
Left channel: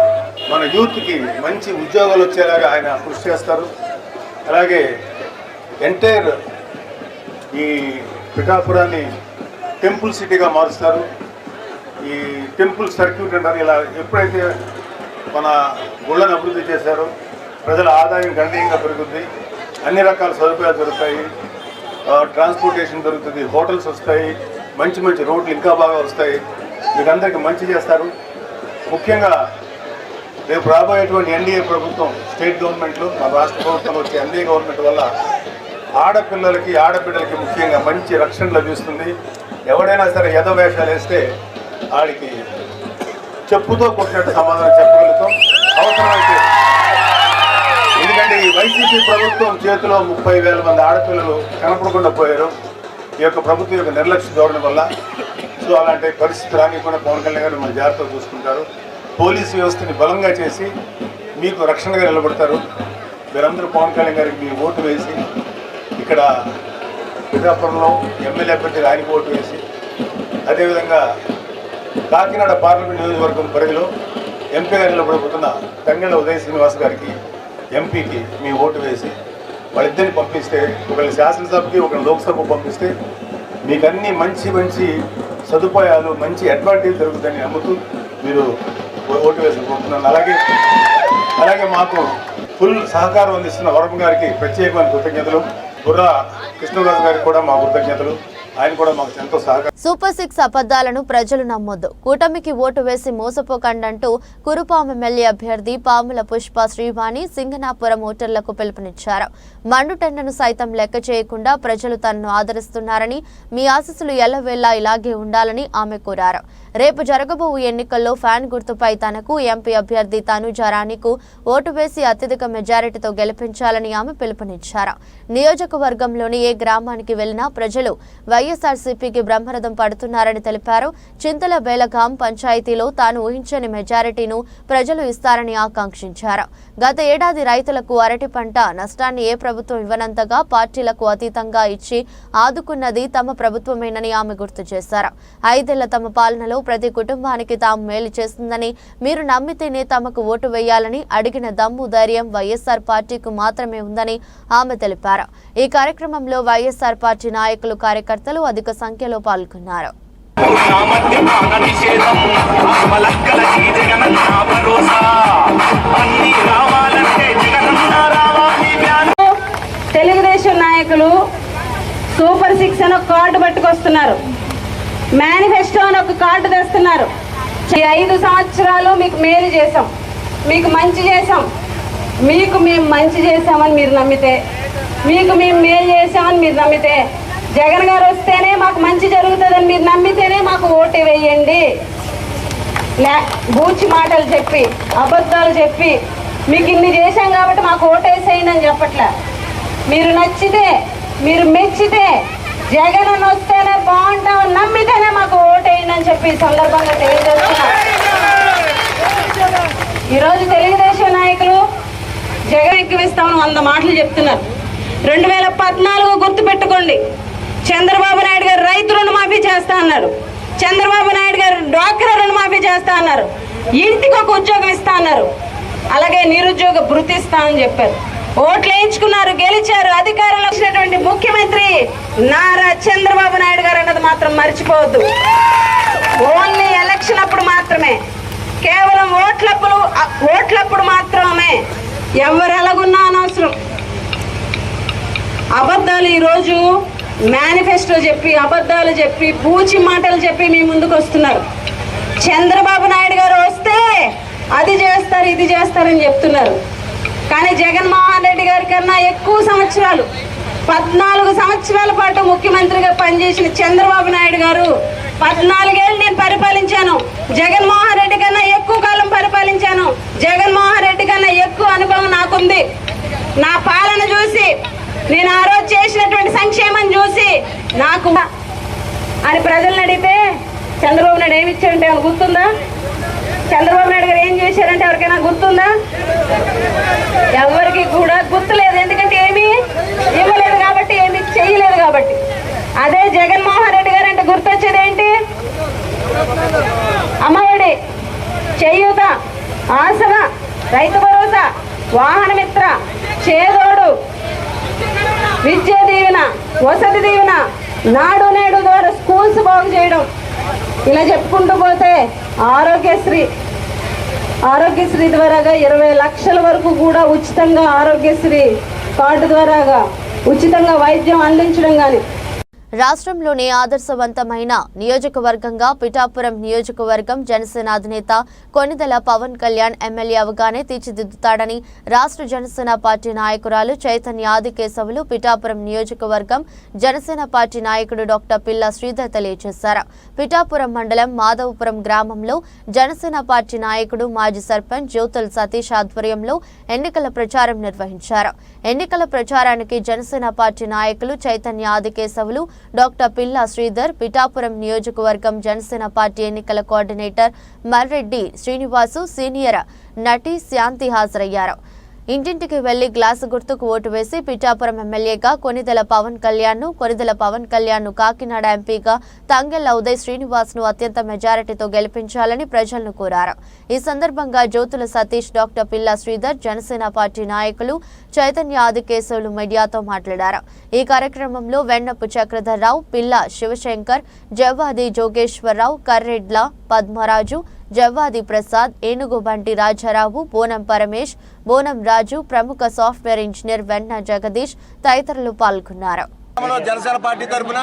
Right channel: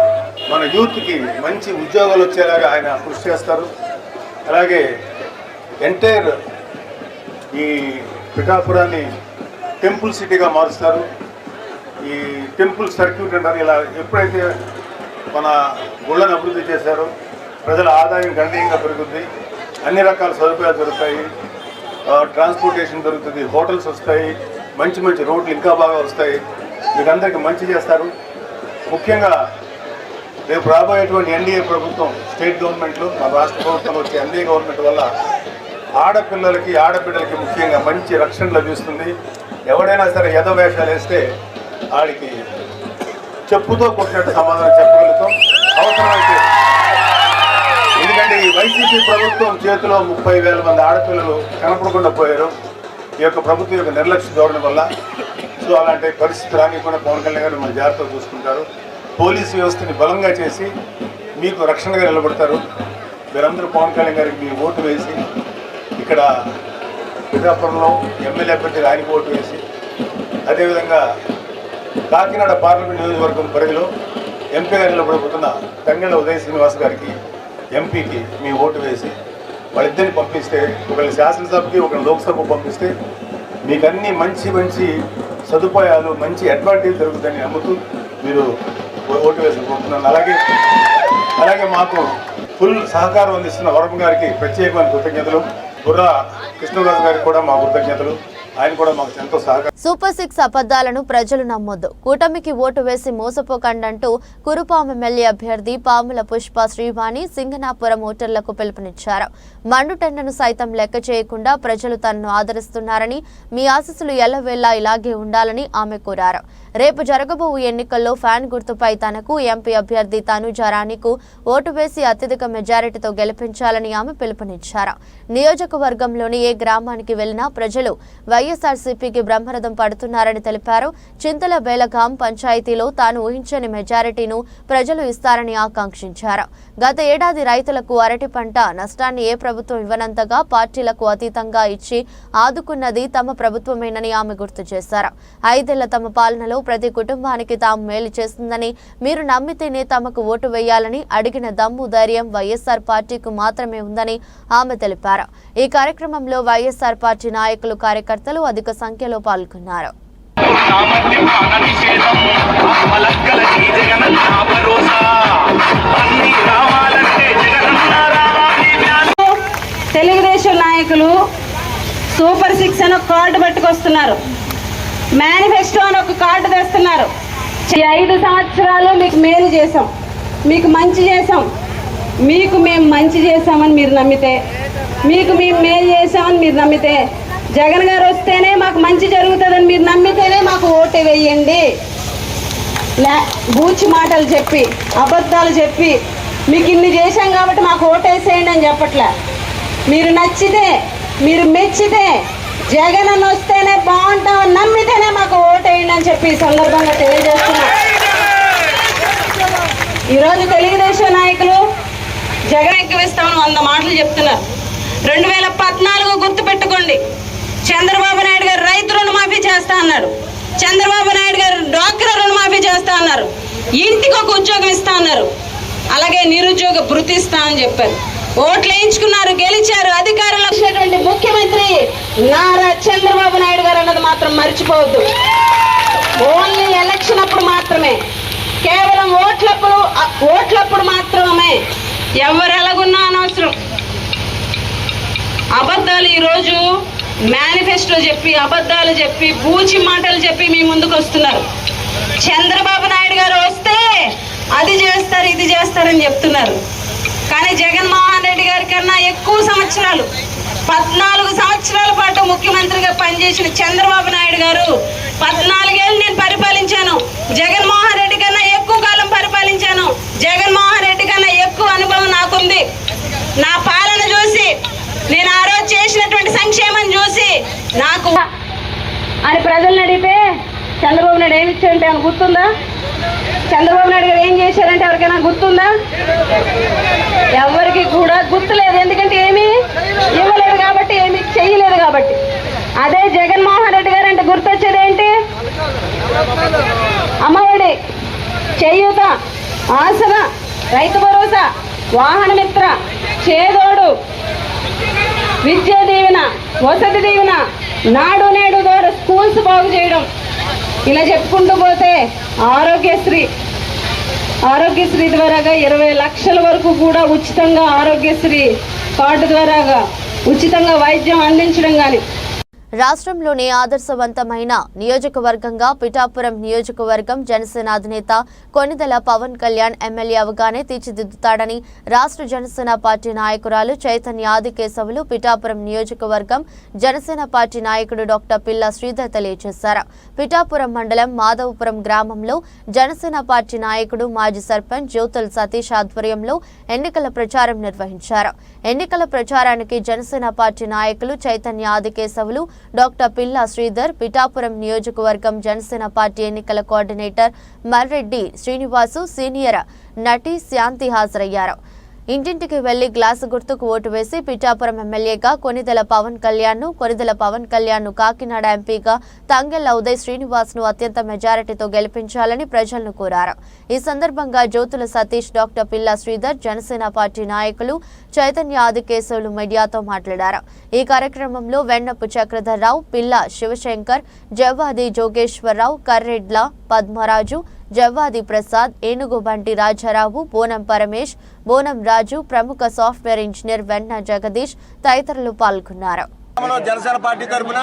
మన యూత్కి మంచి ఉద్యోగాలు వచ్చేలాగా ఆయన కృషి చేస్తారు. అలాగే ఎంటైర్ ఈ పిఠాపురాన్ని టెంపుల్ సిటీగా మారుస్తారు. ఈ టెంపుల్ సర్క్యూట్ అంటారు. ఇలా ఎప్పుడైతే మన గుళ్ళను అభివృద్ధి చేశారో ప్రజల ఆదాయం గణనీయంగా పెరుగుతుంది, అన్ని రకాల సదుపాయాలు దొరుకుతాయి, ట్రాన్స్పోర్టేషన్ దొరుకుతుంది, హోటల్స్ వస్తాయి, మంచి రోడ్లు ఇంకా బాగా వస్తాయి, మీకు అందరికీ మంచి చేస్తారు. ముఖ్యంగా రేపు రాబోయేటువంటి NDA ప్రభుత్వం, స్టేట్ గవర్నమెంట్లో, మన రాష్ట్ర ప్రభుత్వంలో వచ్చే NDA గవర్నమెంట్ వల్ల ఆడపిల్లలకి, ఆడబిడ్డలకి ముఖ్యంగా మంచి రక్షణ లభిస్తుంది. ఎవడైనా సరే యథవేషాలు వేస్తే ఆడికి చెప్పుతో కొట్టినట్టు సమాధానం చెప్పగలుగుతాం అవసరమైతే. ఎందుకంటే ఈ వైసీపీ ప్రభుత్వం చేతిలో 30,000 మంది ఆడపిల్లలు కనపడకుండా పోయారు ఈ యొక్క ప్రభుత్వం యొక్క నిర్లక్ష్య ధోరణి వల్ల. సో అలాంటి పరిస్థితి రానికుండా పవన్ కళ్యాణ్ గారు మన జాగ్రత్తగా చూసుకుంటారు. పోలీసు వ్యవస్థని బలంగా చేసి మీకు రక్షణగా నిలబడతారు. మీరందరూ పవన్ కళ్యాణ్ గారికి మీ ఓటు వేసి ఇక్కడ పిఠాపురంలో ఎమ్మెల్యే అభ్యర్థిగా ఆయనకు ఓటు వేసి, అదేవిధంగా కాకినాడ పార్లమెంట్ నియోజకవర్గం పరిధిలో ఎంపీగా నిలబడబోతున్న తంగెళ్ళ ఉదయ్ శ్రీనివాస్ గారికి, ఎంపీకి మీ ఓటు వేసి వాళ్ళిద్దరిని పంపిస్తే, ఒకరిని శాసనసభకి, ఒకరిని లోక్సభకు పంపిస్తే మీకు అన్ని మంచి సదుపాయాలు, మంచి అడ్వాంటేజ్ జరుగుతుందని నమ్ముతూ మీరు ఓటు వేసి పంపుతున్నాను. అలాగే మాకు ఫుల్ సహకారం అందిస్తున్న వరం గారికి ప్రత్యేకమైన కృతజ్ఞతలు. బుర్రా కృష్ణరాజు గారికి కూడా మా కృతజ్ఞతలు. ఆయన కూడా మాకు ఎంతో సహకారం. సూపర్ 6 అబద్ధాలను ప్రజలు నమ్మొద్దు, కూటమికి ఓటు వేసి మోసపోకండంటూ కురుపాం ఎమ్మెల్యే అభ్యర్థి పాముల పుష్ప శ్రీవాణి సింగనాపురం ఓటర్లకు పిలుపునిచ్చారు. మండుటెండను సైతం లెక్క చేయకుండా ప్రజలు తనను ఆదరిస్తున్నారని, మీ ఆశీస్సులు ఎల్లవేళలా ఇలాగే ఉండాలని ఆమె కోరారు. రేపు జరగబోవు ఎన్నికల్లో ఫ్యాన్ గుర్తుపై తనకు ఎంపీ అభ్యర్థి తనుజారాణికు ఓటు వేసి అత్యధిక మెజారిటీతో గెలిపించాలని ఆమె పిలుపునిచ్చారు. నియోజకవర్గంలోని ఏ గ్రామానికి వెళ్లినా ప్రజలు వైఎస్ఆర్సీపీకి బ్రహ్మరథం పడుతున్నారని తెలిపారు. చింతల బేలగాం పంచాయతీలో తాను ఊహించని మెజారిటీను ప్రజలు ఇస్తారని ఆకాంక్షించారు. గత ఏడాది రైతులకు అరటి పంట నష్టాన్ని ఏ ప్రభుత్వం ఇవ్వనంతగా పార్టీలకు అతీతంగా ఇచ్చి ఆదుకున్నది తమ ప్రభుత్వమేనని ఆమె గుర్తు చేశారు. 5 ఏళ్ల తమ పాలనలో ప్రతి కుటుంబానికి తాము మేలు చేస్తుందని, మీరు నమ్మితేనే తమకు ఓటు వేయాలని అడిగిన దమ్ము, ధైర్యం వైఎస్ఆర్ పార్టీకు మాత్రమే ఉందని ఆమె తెలిపారు. ఈ కార్యక్రమంలో వైఎస్ఆర్ పార్టీ నాయకులు, కార్యకర్తలు అధిక సంఖ్యలో పాల్గొన్నారు. తెలుగుదేశం నాయకులు సూపర్ 6 అని ఒక కార్డు పట్టుకొస్తున్నారు, మేనిఫెస్టో అని ఒక కార్డు తెస్తున్నారు. 5 సంవత్సరాలు మీకు మేలు చేసాం, మీకు మంచి చేసాం, మీకు మేము మంచి చేసామని మీరు నమ్మితే, మీకు మేము మేలు చేసామని మీరు నమ్మితే, జగన్ గారు వస్తేనే మాకు మంచి జరుగుతుందని మీరు నమ్మితేనే మాకు ఓటు వేయండి. బూచి మాటలు చెప్పి, అబద్ధాలు చెప్పి మీకు ఇన్ని చేశాం కాబట్టి మాకు ఓటేసేయండి అని చెప్పట్లే. మీరు నచ్చితే, మీరు మెచ్చితే జగన్ అన్న వస్తేనే బాగుంటామని నమ్మితేనే మాకు ఓటేయండి అని చెప్పి ఈ సందర్భంగా తెలియజేస్తున్నా. ఈరోజు తెలుగుదేశం నాయకులు జగన్ ఎక్కిస్తామని 100 మాటలు చెప్తున్నారు. 2014 గుర్తు పెట్టుకోండి. చంద్రబాబు నాయుడు గారు రైతు రుణమాఫీ చేస్తా అన్నారు. చంద్రబాబు నాయుడు గారు డ్వాక్రా రుణమాఫీ చేస్తా అన్నారు. ఇంటికి ఒక ఉద్యోగం ఇస్తా అన్నారు. అలాగే నిరుద్యోగ భృతి ఇస్తా అని చెప్పారు. ఓట్లు వేయించుకున్నారు, గెలిచారు, అధికారంలో వచ్చినటువంటి ముఖ్యమంత్రి నారా చంద్రబాబు నాయుడు గారు అన్నది మాత్రం మర్చిపోవద్దు. ఓన్లీ ఎలక్షన్ అప్పుడు మాత్రమే, కేవలం ఓట్లప్పుడు మాత్రమే, ఎవరు ఎలాగున్నా అనవసరం. అబద్ధాలు ఈరోజు మేనిఫెస్టో చెప్పి, అబద్ధాలు చెప్పి, బూచి మాటలు చెప్పి మీ ముందుకు వస్తున్నారు. చంద్రబాబు నాయుడు గారు వస్తే అది చేస్తారు, ఇది చేస్తారని చెప్తున్నారు. కానీ జగన్మోహన్ రెడ్డి గారి కన్నా ఎక్కువ సంవత్సరాలు, 14 సంవత్సరాల పాటు ముఖ్యమంత్రిగా పనిచేసిన చంద్రబాబు నాయుడు గారు 14 ఏళ్ళు నేను పరిపాలించాను. జగన్మోహన్ రెడ్డి కన్నా ఎక్కువ కాలం పరిపాలించాను. జగన్మోహన్ రెడ్డి కన్నా ఎక్కువ అనుభవం నాకుంది. నా పాలన చూసి, నేను ఆ రోజు చేసినటువంటి సంక్షేమం చూసి నాకు అని ప్రజలను అడిగితే చంద్రబాబు నాయుడు ఏమి ఇచ్చారంటే ఏమైనా గుర్తుందా? చంద్రబాబు నాయుడు గారు ఏం చేశారంటే ఎవరికైనా గుర్తుందా? ఎవరికి కూడా గుర్తులేదు. ఎందుకంటే ఏమీ ఇవ్వలేదు కాబట్టి, ఏమీ చేయలేదు కాబట్టి. అదే జగన్మోహన్ రెడ్డి గారు అంటే గుర్తొచ్చేది ఏంటి? అమ్మఒడి, చేయూత, ఆసన, రైతు భరోసా, వాహన మిత్ర, చేదోడు, విద్యా దీవెన, వసతి దీవెన, నాడు నేడు ద్వారా స్కూల్స్ బాగు చేయడం, ఇలా చెప్పుకుంటూ పోతే ఆరోగ్యశ్రీ ద్వారాగా 20 లక్షల వరకు కూడా ఉచితంగా ఆరోగ్యశ్రీ కార్డు ద్వారాగా ఉచితంగా వైద్యం అందించడం కానీ. రాష్ట్రంలోని ఆదర్శవంతమైన నియోజకవర్గంగా పిఠాపురం నియోజకవర్గం జనసేన అధినేత కొనిదెల పవన్ కళ్యాణ్ ఎమ్మెల్యే అవగానే తీర్చిదిద్దుతాడని రాష్ట్ర జనసేన పార్టీ నాయకురాలు చైతన్య ఆదికేశవులు పిఠాపురం నియోజకవర్గం జనసేన పార్టీ నాయకుడు డాక్టర్ పిల్ల శ్రీధర్ తెలియజేశారు. పిఠాపురం మండలం మాధవపురం గ్రామంలో జనసేన పార్టీ నాయకుడు మాజీ సర్పంచ్ జ్యోతుల సతీష్ ఆధ్వర్యంలో ఎన్నికల ప్రచారం నిర్వహించారు. ఎన్నికల ప్రచారానికి జనసేన పార్టీ నాయకులు చైతన్య ఆదికేశవులు, డాక్టర్ పిల్ల శ్రీధర్, పిఠాపురం నియోజకవర్గం జనసేన పార్టీ ఎన్నికల కోఆర్డినేటర్ మర్రెడ్డి శ్రీనివాసు, సీనియర్ నటి శాంతి హాజరయ్యారు. ఇంటింటికి వెళ్లి గ్లాసు గుర్తుకు ఓటు వేసి పిఠాపురం ఎమ్మెల్యేగా కొనిదెల పవన్ కళ్యాణ్ ను కాకినాడ ఎంపీగా తంగెళ్ల ఉదయ్ శ్రీనివాస్ ను అత్యంత మెజారిటీతో గెలిపించాలని ప్రజలను కోరారు. ఈ సందర్భంగా జ్యోతుల సతీష్, డాక్టర్ పిల్ల శ్రీధర్, జనసేన పార్టీ నాయకులు చైతన్య ఆదికేశవులు మీడియాతో మాట్లాడారు. ఈ కార్యక్రమంలో వెన్నపు చక్రధర్రావు, పిల్ల శివశంకర్, జవ్వాది జోగేశ్వరరావు, కర్రెడ్ల పద్మరాజు, జవ్వాది ప్రసాద్, ఏనుగు బంటి రాజారావు, బోనం పరమేష్, బోనం రాజు, ప్రముఖ సాఫ్ట్వేర్ ఇంజనీర్ వెన్న జగదీష్ తదితరులు పాల్గొన్నారు. జనసేన పార్టీ తరఫున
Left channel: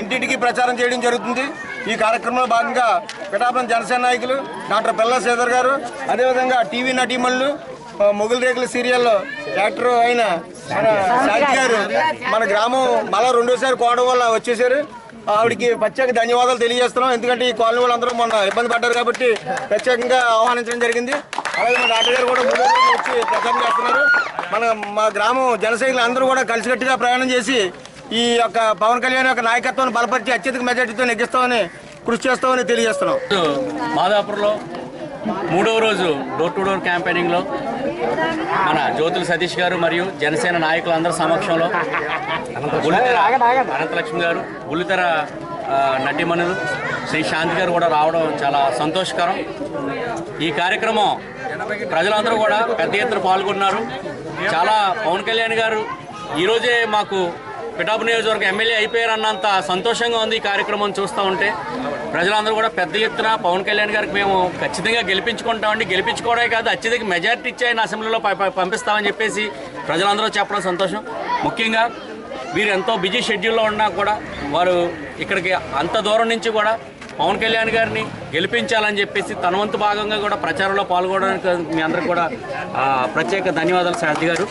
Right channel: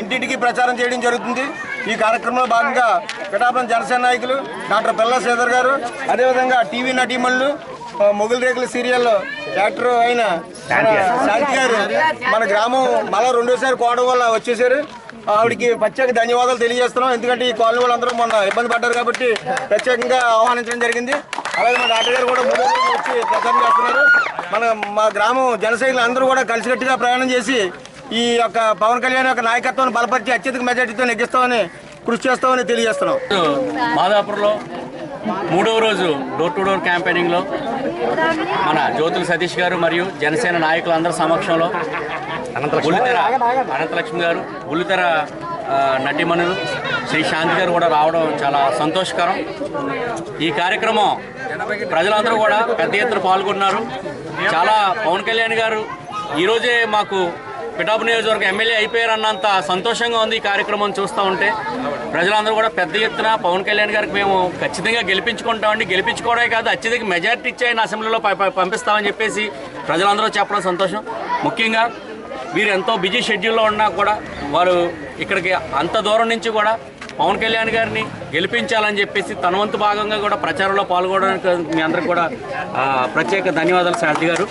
ఇంటింటికి ప్రచారం చేయడం జరుగుతుంది. ఈ కార్యక్రమంలో భాగంగా పిఠాపురం జనసేన నాయకులు డాక్టర్ పిల్ల శ్రీధర్ గారు, అదేవిధంగా టీవీ నటీమణులు, మొగుల్ రేకుల సీరియల్లో యాక్టర్ అయిన శాంతి గారు మన గ్రామం మళ్ళా 2సారి కోవడం వల్ల వచ్చేసారు. ఆవిడికి ప్రత్యేక ధన్యవాదాలు తెలియజేస్తున్నాం. ఎందుకంటే ఈ కాలనీ వాళ్ళందరూ మొన్న ఇబ్బంది పడ్డారు కాబట్టి ప్రత్యేకంగా ఆహ్వానించడం జరిగింది. అలాగే మన డాక్టర్ గారు కూడా 3 రోజులు వచ్చి ప్రచారం చేస్తున్నారు. మా గ్రామం జనసైనికులు అందరూ కూడా కలిసికట్టుగా ప్రయాణం చేసి ఈ యొక్క పవన్ కళ్యాణ్ యొక్క నాయకత్వాన్ని బలపరిచి అత్యధిక మెజార్టీతో నెగ్గిస్తామని కృషి చేస్తామని తెలియజేస్తున్నాం. మాదాపూర్లో 3వ రోజు డోర్ టు డోర్ క్యాంపెయినింగ్లో మన జ్యోతుల సతీష్ గారు మరియు జనసేన నాయకులందరి సమక్షంలో బుల్లితెర అనంతలక్ష్మి గారు, బుల్లితెర నటిమణులు శ్రీ శాంతి గారు కూడా రావడం చాలా సంతోషకరం. ఈ కార్యక్రమం ప్రజలందరూ కూడా పెద్ద ఎత్తున పాల్గొన్నారు. చాలా పవన్ కళ్యాణ్ గారు ఈరోజే మాకు పిఠాపురం నియోజకవర్గం ఎమ్మెల్యే అయిపోయారన్నంత సంతోషంగా ఉంది. ఈ కార్యక్రమం చూస్తూ ఉంటే ప్రజలందరూ కూడా పెద్ద ఎత్తున పవన్ కళ్యాణ్ గారికి మేము ఖచ్చితంగా గెలిపించుకుంటామండి, గెలిపించుకోవడమే కాదు అత్యధిక మెజారిటీ ఇచ్చి ఆయన అసెంబ్లీలో పంపిస్తామని చెప్పేసి ప్రజలందరూ చెప్పడం సంతోషం. ముఖ్యంగా వీరు ఎంతో బిజీ షెడ్యూల్లో ఉన్నా కూడా వారు ఇక్కడికి అంత దూరం నుంచి కూడా పవన్ కళ్యాణ్ గారిని గెలిపించాలని చెప్పేసి తన వంతు భాగంగా కూడా ప్రచారంలో పాల్గొనడానికి మీ అందరికి కూడా ప్రత్యేక ధన్యవాదాలు శాంతి గారు.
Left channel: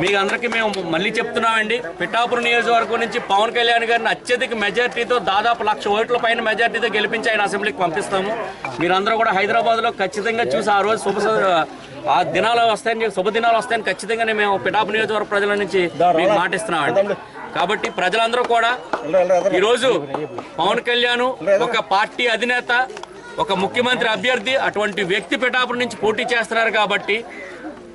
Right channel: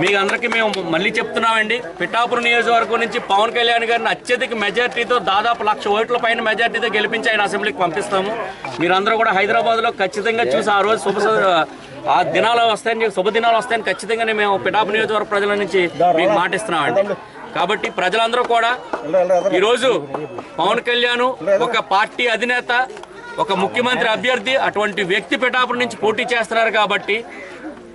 మీ అందరికీ మేము మళ్ళీ చెప్తున్నామండి, పిఠాపురం నియోజకవర్గం నుంచి పవన్ కళ్యాణ్ గారిని అత్యధిక మెజార్టీతో దాదాపు 1,00,000 ఓట్ల పైన మెజార్టీతో గెలిపించి ఆయన అసెంబ్లీకి పంపిస్తాము. మీరందరూ కూడా హైదరాబాద్లో ఖచ్చితంగా చూసి ఆ రోజు ఆ దినాలు వస్తాయని, శుభదినాలు వస్తాయని ఖచ్చితంగా మేము పిఠాపురం నియోజకవర్గ ప్రజల నుంచి మీకు మాటిస్తున్నామండి. కాబట్టి ప్రజలందరూ కూడా ఈరోజు పవన్ కళ్యాణ్ ఒక పార్టీ అధినేత, ఒక ముఖ్యమంత్రి అభ్యర్థి, అటువంటి వ్యక్తి పిఠాపురం నుంచి పోటీ చేస్తున్నారు కాబట్టి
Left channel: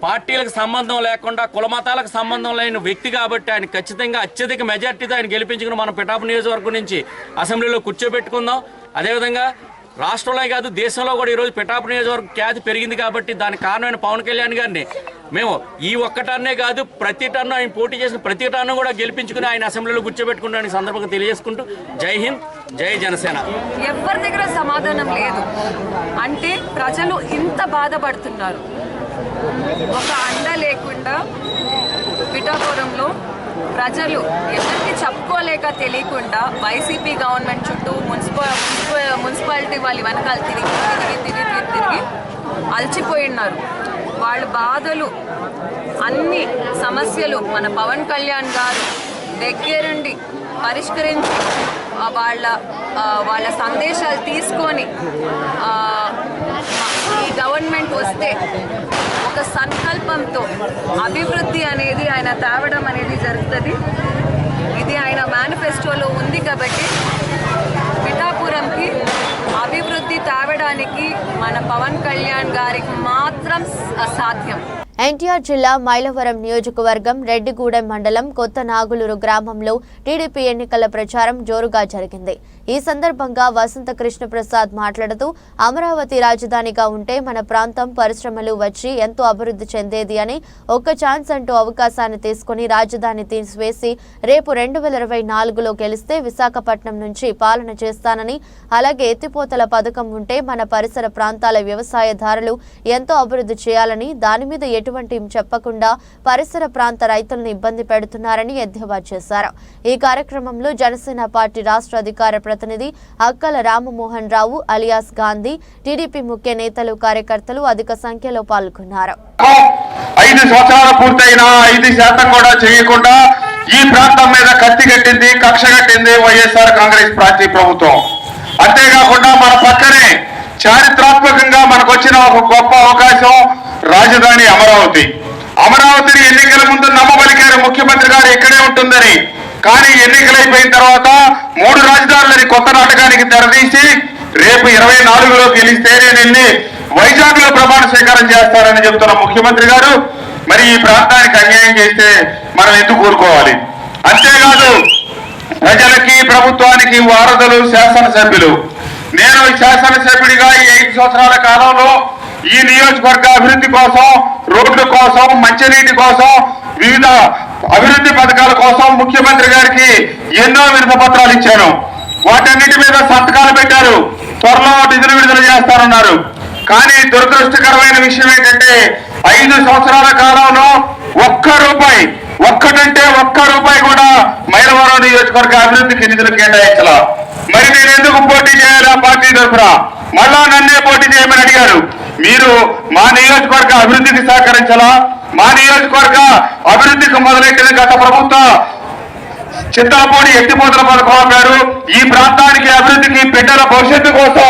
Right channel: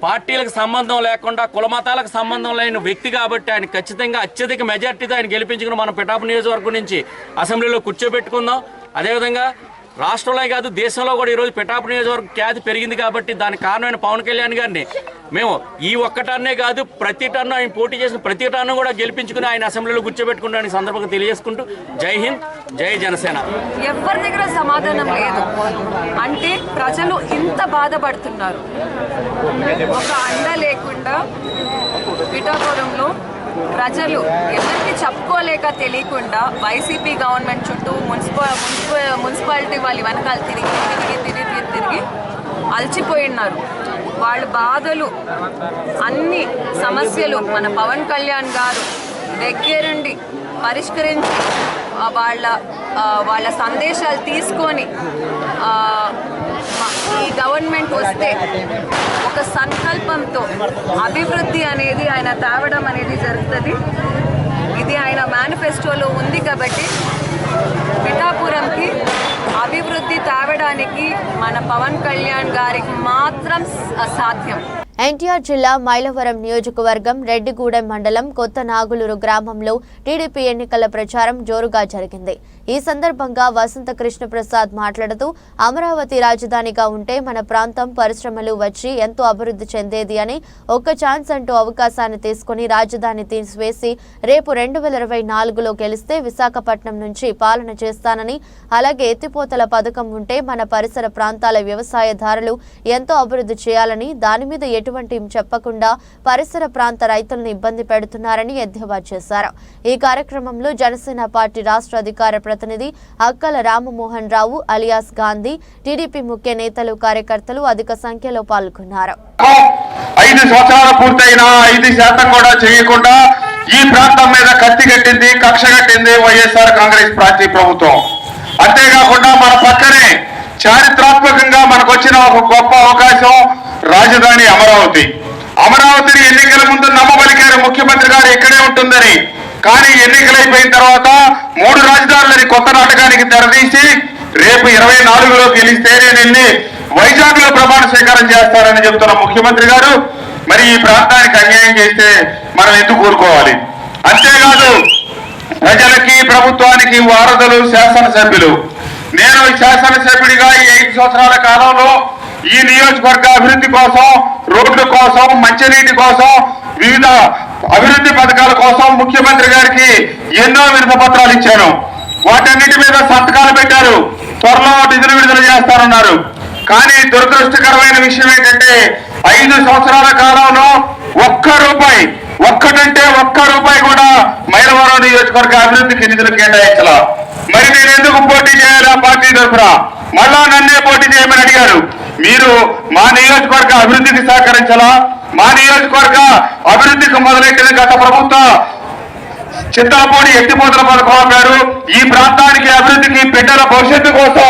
పార్టీలకు సంబంధం లేకుండా కుల మతాలకు సంబంధం లేని వ్యక్తి కాబట్టి ఆయన ఖచ్చితంగా అత్యధిక మెజార్టీతో ఆయన గెలిపించుకుని మనం పిఠాపురం నియోజకవర్గం నుంచి అసెంబ్లీలో కూర్చోబెట్టుకుందాం. అదేవిధంగా రాష్ట్రంలో కాదు దేశంలో కూడా ఈరోజు పిఠాపురం నియోజకవర్గం ఖ్యాతి పెరిగింది కాబట్టి దానికి కారణమైన పవన్ కళ్యాణ్ గారిని మేము ఈ ఒక్క టర్నే కాదు ప్రతి టర్ను ఆయన పోటీ చేసిన ప్రతి టర్ను కూడా గెలిపించుకుని ఆయన అసెంబ్లీలో కూర్చోబెట్టుకుంటానికి సందర్భంగా తెలియజేసుకుంటూ జై హింద్, జై జనసేన. ఎవరి దగ్గర సమాధానం లేదు అంటే ప్రజలు ఇంత బాధపడుతున్నారు. ఒక అండ లేకుండా పిఠాపురంలో ప్రజలు ఎవరికి చెప్పుకోలేక తెలియకుండా వైసీపీ గవర్నమెంట్ చుట్టూ మున్సిపాలిటీ వాళ్ళ వెనకాల తిరిగి అలసిపోయినారు. వాళ్ళ బాధలు అన్ని సమస్యలు మన పవన్ కళ్యాణ్ గారు దగ్గరుండి పరిష్కరించి వాళ్ళ సందేశాలు తీసుకొని ఈ గవర్నమెంట్ వస్తే ఒక సంకల్పంతో అభివృద్ధి అనేది ఆయన తేవడం అనేది జరుగుతుంది. ఇది ఆయన మేనిఫెస్టోలో ఉంది కాబట్టి పిఠాపురంకి అభివృద్ధి తేవడానికి మన పవన్ కళ్యాణ్ గారికి మాత్రం సాధ్యం. ఎన్టీఆర్ జిల్లా మైలవరం నియోజకవర్గం రెడ్డిగూడెం మండలం కొత్త నాగులూరు గ్రామంలో టీడీపీ ఎన్నికల ప్రచారం జోరుగా జరిగింది. ఈ సందర్భంగా వసంత కృష్ణప్రసాద్ మాట్లాడుతూ అమరావతి రాజధానిగా ఉంటే మన ప్రాంతం పరిశ్రమలు వచ్చి ఎంతో అభివృద్ధి చెందేది అని, ఒక్క ఛాన్స్ అంటూ అవకాశాన్ని తీసుకుని రాజధాని తీసివేసి రేపు 2024లో గెలిస్తే విశాఖపట్నం నుంచి పాలన చేస్తానని, అలాగే ఎత్తిపోతల పథకం ఉంటే మన పరిసర ప్రాంతాల వ్యవసాయదారులు ఎంతో అభివృద్ధి చేయాలని, దాని మీద ఎటువంటి చెప్పకుండా పరిసర ప్రాంత రైతులను ఇబ్బంది పెడుతున్నారని ఎద్దేవా చేశారు. ఈ కార్యక్రమంలో జనసేన పార్టీ రాష్ట్ర అధికార ప్రతినిధి అక్కల రామమోహన్ రావు అలియాస్ గాంధీ, టీడీపీ ముఖ్య నేతలు, కార్యకర్తలు అధిక సంఖ్యలో పాల్గొన్నారు. 5 సంవత్సరాలు పూర్తయినా 5% కూడా చేయకుండా ఈ ప్రాంతం మీద కత్తి కట్టింది, కక్ష కట్టింది వైఎస్ఆర్ కాంగ్రెస్ పార్టీ ప్రభుత్వం. అంతేకాకుండా మన పక్కనే చారిత్రాత్మకంగా మనకు వచ్చిన ఒక గొప్ప అవకాశం రాజధాని అమరావతి. అమరావతిని ఎన్నికల ముందు నమ్మబలికారు ముఖ్యమంత్రి గారు ఇక్కడే ఉంటుందని. కానీ ఎన్నికలైపోయిన తర్వాత 3 రాజధానులని కొత్త నాటకానికి తెరదీసి రేపు 24లో గెలిస్తే నేను వెళ్ళి వైజాగ్ లో ప్రమాణ స్వీకారం చేస్తారని చెప్తున్న ముఖ్యమంత్రి గారు మరి ఈ ప్రాంతానికి అన్యాయం చేస్తే మనం ఎందుకు కోరుకోవాలి? అంతేకాదు ప్రజలకి ప్రభుత్వానికి వారధులు శాసనసభ్యులు. నేను శాసనసభ్యుడిగా ఈ 5 సంవత్సరాల కాలంలో ఈ నియోజకవర్గ అభివృద్ధి కోసం, రోడ్ల కోసం, మంచినీటి కోసం, వివిధ అభివృద్ధి పథకాల కోసం ముఖ్యమంత్రి గారికి ఎన్నో వినతి పత్రాలు ఇచ్చాను. వాటన్నిటి మీద సంతకాలు పెట్టారు. త్వరలో నిధులు విడుదల చేస్తారన్నారు. కానీ దురదృష్టకరమైన విషయం ఏంటంటే 5 సంవత్సరాల కాలంలో ఒక్కటంటే ఒక్క రూపాయి కూడా మైలవరం నియోజకవర్గ అభివృద్ధికి నిధులు కేటాయించాల. మరి నేను ఎందుకు పోటీ చేయాలా పార్టీ తరఫున? మళ్ళా నన్నే పోటీ చేయమని అడిగారు. మీరు మా నియోజకవర్గ అభివృద్ధికి సహకరించాలా? మా నియోజకవర్గ అభివృద్ధికి మొదలెట్టిన గత ప్రభుత్వ చింతలపూడి ఎత్తిపోతల పథకం ఆపారు. ఈ ప్రాంతానికి అభివృద్ధికి బిడ్డల భవిష్యత్తు కోసం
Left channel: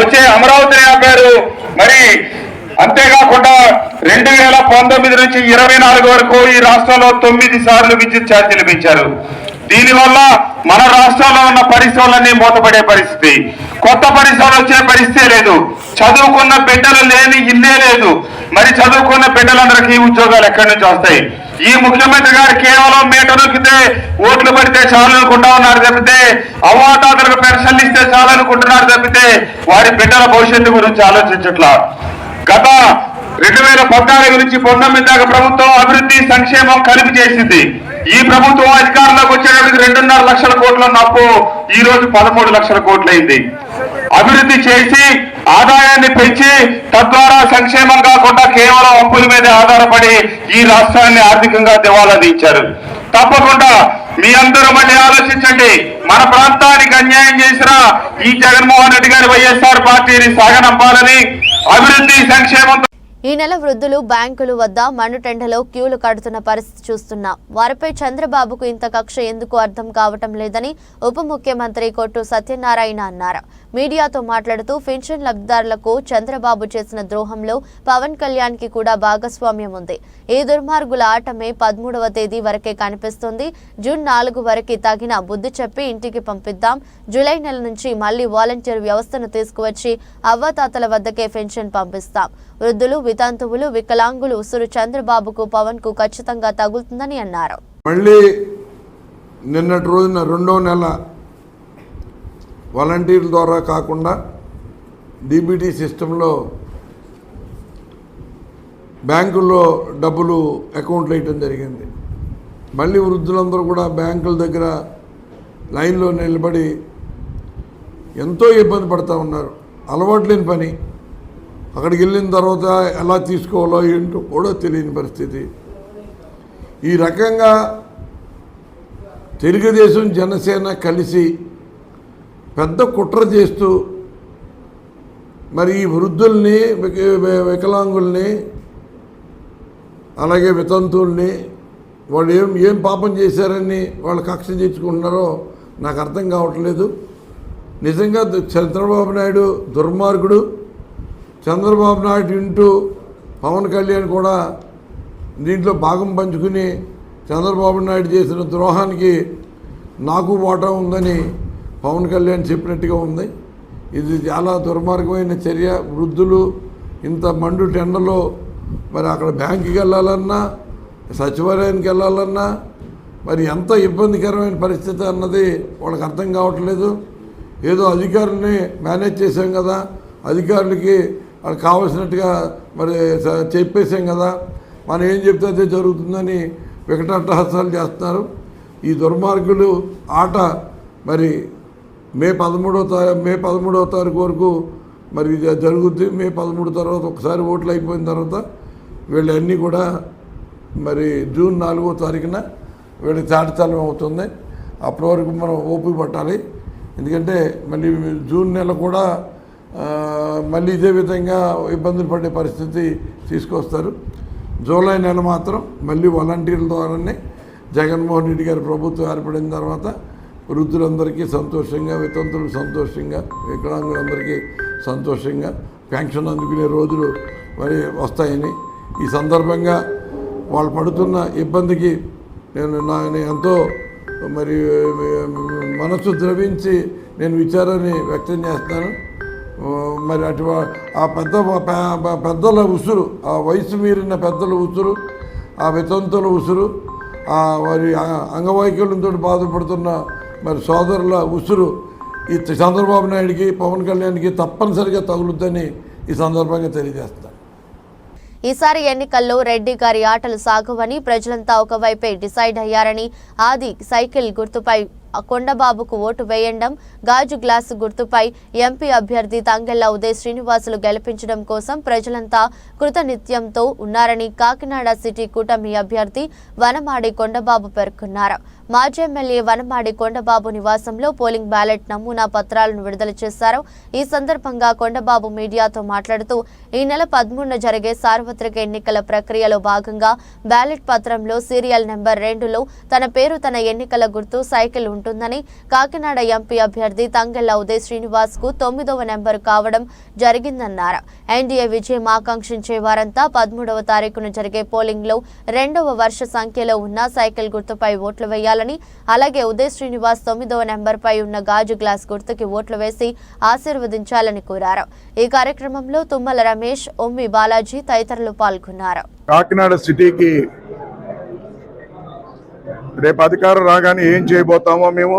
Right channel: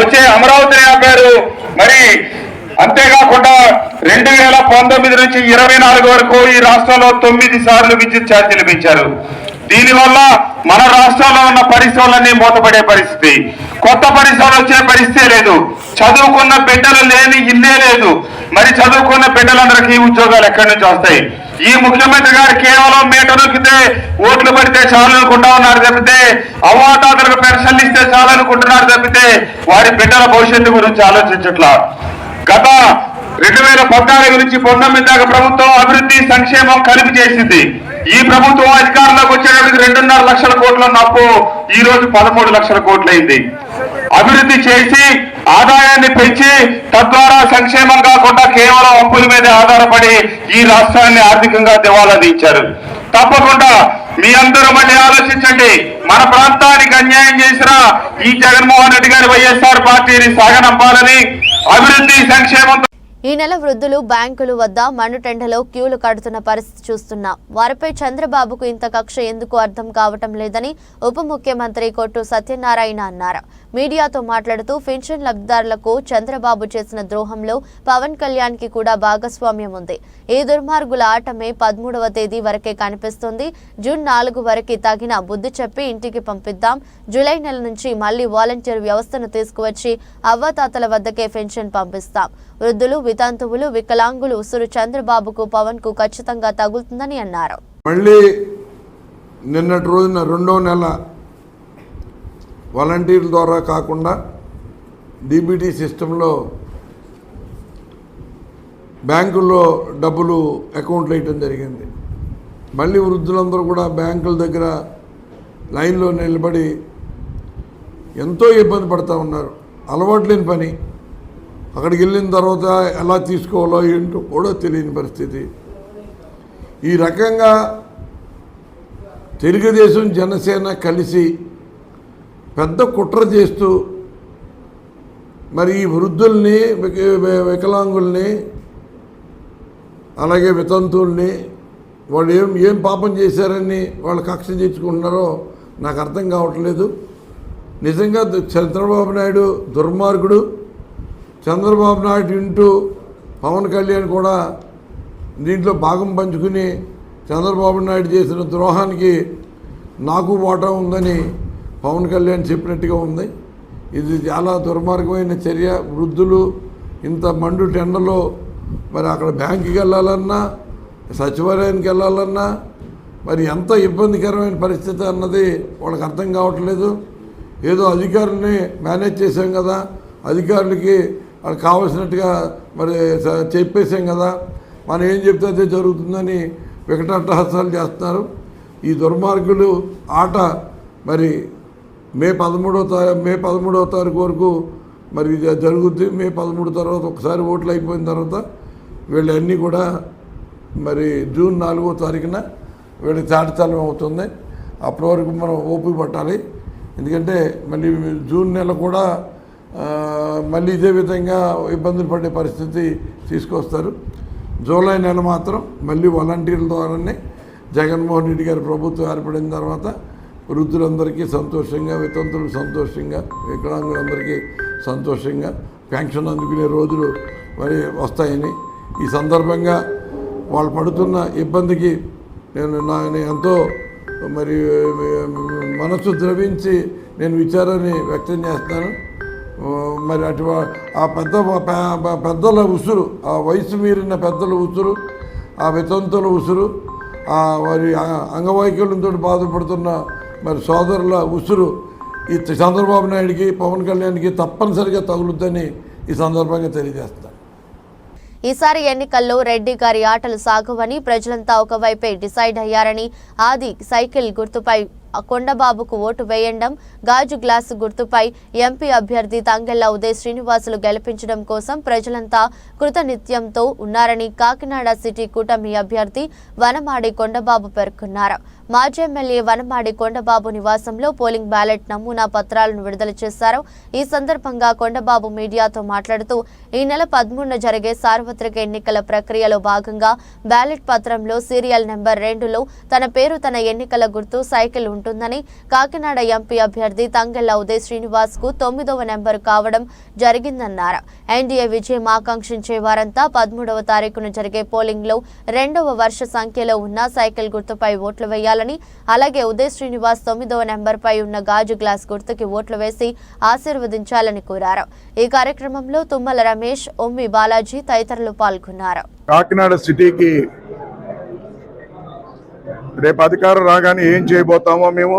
వచ్చే అమరావతిని ఆపారు. మరి అంతేకాకుండా 2019 నుంచి 24 వరకు ఈ రాష్ట్రంలో 9 సార్లు విద్యుత్ ఛార్జీలు పెంచారు. దీనివల్ల మన రాష్ట్రంలో ఉన్న పరిశ్రమలన్నీ మూతపడే పరిస్థితి, కొత్త పరిశ్రమలు వచ్చే పరిస్థితే లేదు. చదువుకున్న బిడ్డలు లేని ఇల్లే లేదు. మరి చదువుకున్న బిడ్డలందరికీ ఉద్యోగాలు ఎక్కడి నుంచి వస్తాయి? ఈ ముఖ్యమంత్రి గారు కేవలం మీటర్ నొక్కితే ఓట్లు పడితే చాలు అనుకుంటా ఉన్నారు తప్పితే, అవ్వాతాతలకు పెన్షన్లు ఇస్తే చాలు అనుకుంటున్నారు తప్పితే వారి బిడ్డల భవిష్యత్తు గురించి ఆలోచించట్లా. గత 2014 నుంచి 19 దాకా ప్రభుత్వం అభివృద్ధి సంక్షేమం కలిపి చేసింది. ఈ ప్రభుత్వం అధికారంలోకి వచ్చేటప్పటికి 2.5 లక్షల కోట్ల అప్పు ఈ రోజు 13 లక్షల కోట్లయింది. అభివృద్ధి చేసి ఆదాయాన్ని పెంచి తద్వారా సంక్షేమం కాకుండా కేవలం అప్పుల మీద ఆధారపడి ఈ రాష్ట్రాన్ని ఆర్థికంగా దివాలా తీర్చారు. తప్పకుండా మీ అందరూ మళ్ళీ ఆలోచించండి. మన ప్రాంతానికి అన్యాయం చేసిన ఈ జగన్మోహన్ రెడ్డి గారి వైఎస్ఆర్ పార్టీని సాగనంపాలని, అభివృద్ధి సంక్షేమంతో ఈ నెల వృద్ధులు బ్యాంకుల వద్ద మండుటెండలో క్యూలు కడుతున్న పరిస్థితి చూస్తున్నాం. వారిపై చంద్రబాబుకు ఇంత కక్ష ఎందుకు అర్థం కావటం లేదని ఉప ముఖ్యమంత్రి కొట్టు సత్యనారాయణ అన్నారు. మీడియాతో మాట్లాడుతూ పెన్షన్ లబ్ధిదారులకు చంద్రబాబు చేసిన ద్రోహంలో పవన్ కళ్యాణ్ కి కూడా భాగస్వామ్యం ఉంది. ఈ దుర్మార్గుల ఆటమే 13వ తేదీ వరకే కనిపిస్తుంది. జూన్ 4 వరకు తగిన బుద్ధి చెప్పి ఇంటికి పంపిద్దాం. జూలై నెల నుంచి మళ్లీ వాలంటీర్ వ్యవస్థను తీసుకువచ్చి అవ్వాతాతల వద్దకే పెన్షన్ పంపిస్తాం. వృద్ధులు, వితంతువులు, వికలాంగులు ఉసురు చంద్రబాబుకు, పవన్ కు ఖచ్చితంగా తగులుతుందని అన్నారు. మళ్ళీ నిన్నటి రోజున 2వ నెల వాలంటీర్ల ద్వారా కాకుండా డీబీటీ సిస్టంలో బ్యాంకుల్లో డబ్బులు అకౌంట్లు వేయటం జరిగింది. మళ్ళీ వృద్ధులందరూ కూడా బ్యాంకుల దగ్గర లైన్లో నిలబడి ఎంతో ఇబ్బంది పడుతూ ఉన్నారు. అలవాటు లేని పని. అక్కడికి వెళ్ళిన తర్వాత ఎలా తీసుకోవాలో ఏంటో కూడా తెలియని పరిస్థితి. ఈ రకంగా తెలుగుదేశం, జనసేన కలిసి పెద్ద కుట్ర చేస్తూ మరి ఈ వృద్ధుల్ని, వికలాంగుల్ని, అలాగే వితంతువుల్ని వాళ్ళు ఏం పాపం చేశారని వాళ్ళు కక్ష తీర్చుకుంటున్నారో నాకు అర్థం కావట్లేదు. నిజంగా చంద్రబాబు నాయుడు దుర్మార్గుడు. చంద్రబాబు నాయుడు ఇంటూ పవన్ కళ్యాణ్ కూడా దీంట్లో భాగం పంచుకుని చంద్రబాబు నాయుడు చేసిన ద్రోహానికి నాకు వాటా ఉందని పవన్ కళ్యాణ్ చెప్పినట్టుగా ఉంది. ఇది చాలా దుర్మార్గమైన చర్య. వృద్ధులు ఇంత మండు టెండలో మరి అక్కడ బ్యాంకుకి వెళ్ళాలన్నా, సచివాలయానికి వెళ్ళాలన్నా మరి ఎంత ఇబ్బందికరమైన పరిస్థితి అన్నది వాళ్ళకి అర్థం కావట్లేదు. ఏదో అధికారులని మేనేజ్ చేసాం కదా, అధికారులకి వాళ్ళకి కావాల్సినట్టుగా మరి చెప్పేసాం కదా, మనం ఏం చెప్తే అదే జరుగుతుందని వికటాట్టహాసాలు చేస్తున్నారు. ఈ దుర్మార్గులు ఆట మరి మే 13వ తారీఖు వరకు మరి జరుగుద్ది. మే 13 తర్వాత ఒకసారి ఓట్లు అయిపోయిన తర్వాత వీళ్ళన్నీ కూడా మరి జూన్ 4వ తారీఖున వీళ్ళకి చాటితలం అవుతుంది. అప్పటి వరకు మనం ఓపిక పట్టాలి. ఎందుకంటే మళ్ళీ జూన్ నెల కూడా మళ్ళీ ఇదే విధంగా ఇబ్బందులు పడే పరిస్థితి తీసుకొస్తారు. జూలై నెల మాత్రం మళ్ళీ వాలంటీర్ల ద్వారానే జగన్మోహన్ రెడ్డి గారి ప్రభుత్వం ఏర్పడిన తర్వాత వృద్ధులందరికీ సంతోషంగా, వితంతులకు సంతోషంగా, వికలాంగులందరికీ సంతోషంగా పెన్షన్ అందుకునే రోజులు మరి వస్తాయని, ఈ సందర్భంగా వాళ్ళు పడుతున్న ఇబ్బందికి నేను ఎంతో మరి మనసు ద్రవించి నేను విచారాన్ని వ్యక్తం చేస్తాను. మరి ఆ పెద్దల ఉసురు, ఆ వయసు మీరిన పెద్దల ఉసురు, ఆ వితంతుల ఉసురు, ఆ వారి అంగవైకల్యంతో బాధపడుతున్న మరి సోదరుల ఉసురు ఈ చంద్రబాబు నాయుడికి, పవన్ కళ్యాణ్కి తప్పనిసరిగా తగులుద్దని ఈ సందర్భంగా తెలియజేస్తాను. ఈసారి ఎన్నికల్లో రెడ్డి గారి ఆటలు సాగవని ప్రజలంతా ఒకవైపే డిసైడ్ అయ్యారని, ఆది సైకిల్ గుర్తుపై కొండబాబుకు ఓటు వేయండం, గాజు గ్లాసు గుర్తుపై ఎంపీ అభ్యర్థి తంగెళ్ల ఉదయ్ శ్రీనివాసులు గెలిపించడం కోసం ప్రజలంతా కృతనిత్యంతో ఉన్నారని కాకినాడ సిటీ కూటమి అభ్యర్థి వనమాడి కొండబాబు పేర్కొన్నారు. మాజీ ఎమ్మెల్యే వనమాడి కొండబాబు నివాసంలో పోలింగ్ బ్యాలెట్ నమూనా పత్రాలను విడుదల చేశారు. ఈ సందర్భంగా కొండబాబు మీడియాతో మాట్లాడుతూ ఈ నెల 13న జరిగే సార్వత్రిక ఎన్నికల ప్రక్రియలో భాగంగా బ్యాలెట్ పత్రంలో సీరియల్ నెంబర్ 2లో తన పేరు, తన ఎన్నికల గుర్తు సైకిల్ ఉంటుందని, కాకినాడ ఎంపీ అభ్యర్థి తంగెళ్ల ఉదయ్ శ్రీనివాస్ కు 9వ నెంబరు కావడం జరిగిందన్నారు. ఎన్డీఏ విజయం ఆకాంక్షించే వారంతా 13వ తారీఖున జరిగే పోలింగ్ లో 2వ వర్ష సంఖ్యలో ఉన్న సైకిల్ గుర్తుపై ఓట్లు వేయాలని, అలాగే ఉదయ్ శ్రీనివాస్ 9వ నెంబర్ పై ఉన్న గాజు గ్లాస్ గుర్తుకి ఓట్లు వేసి ఆశీర్వదించాలని కోరారు. ఈ కార్యక్రమంలో తుమ్మల రమేష్, ఒమ్మి బాలాజీ తదితరులు పాల్గొన్నారు. కాకినాడ సిటీకి రేపు అధికారం రాగానే ఏం చేయబోతామో మేము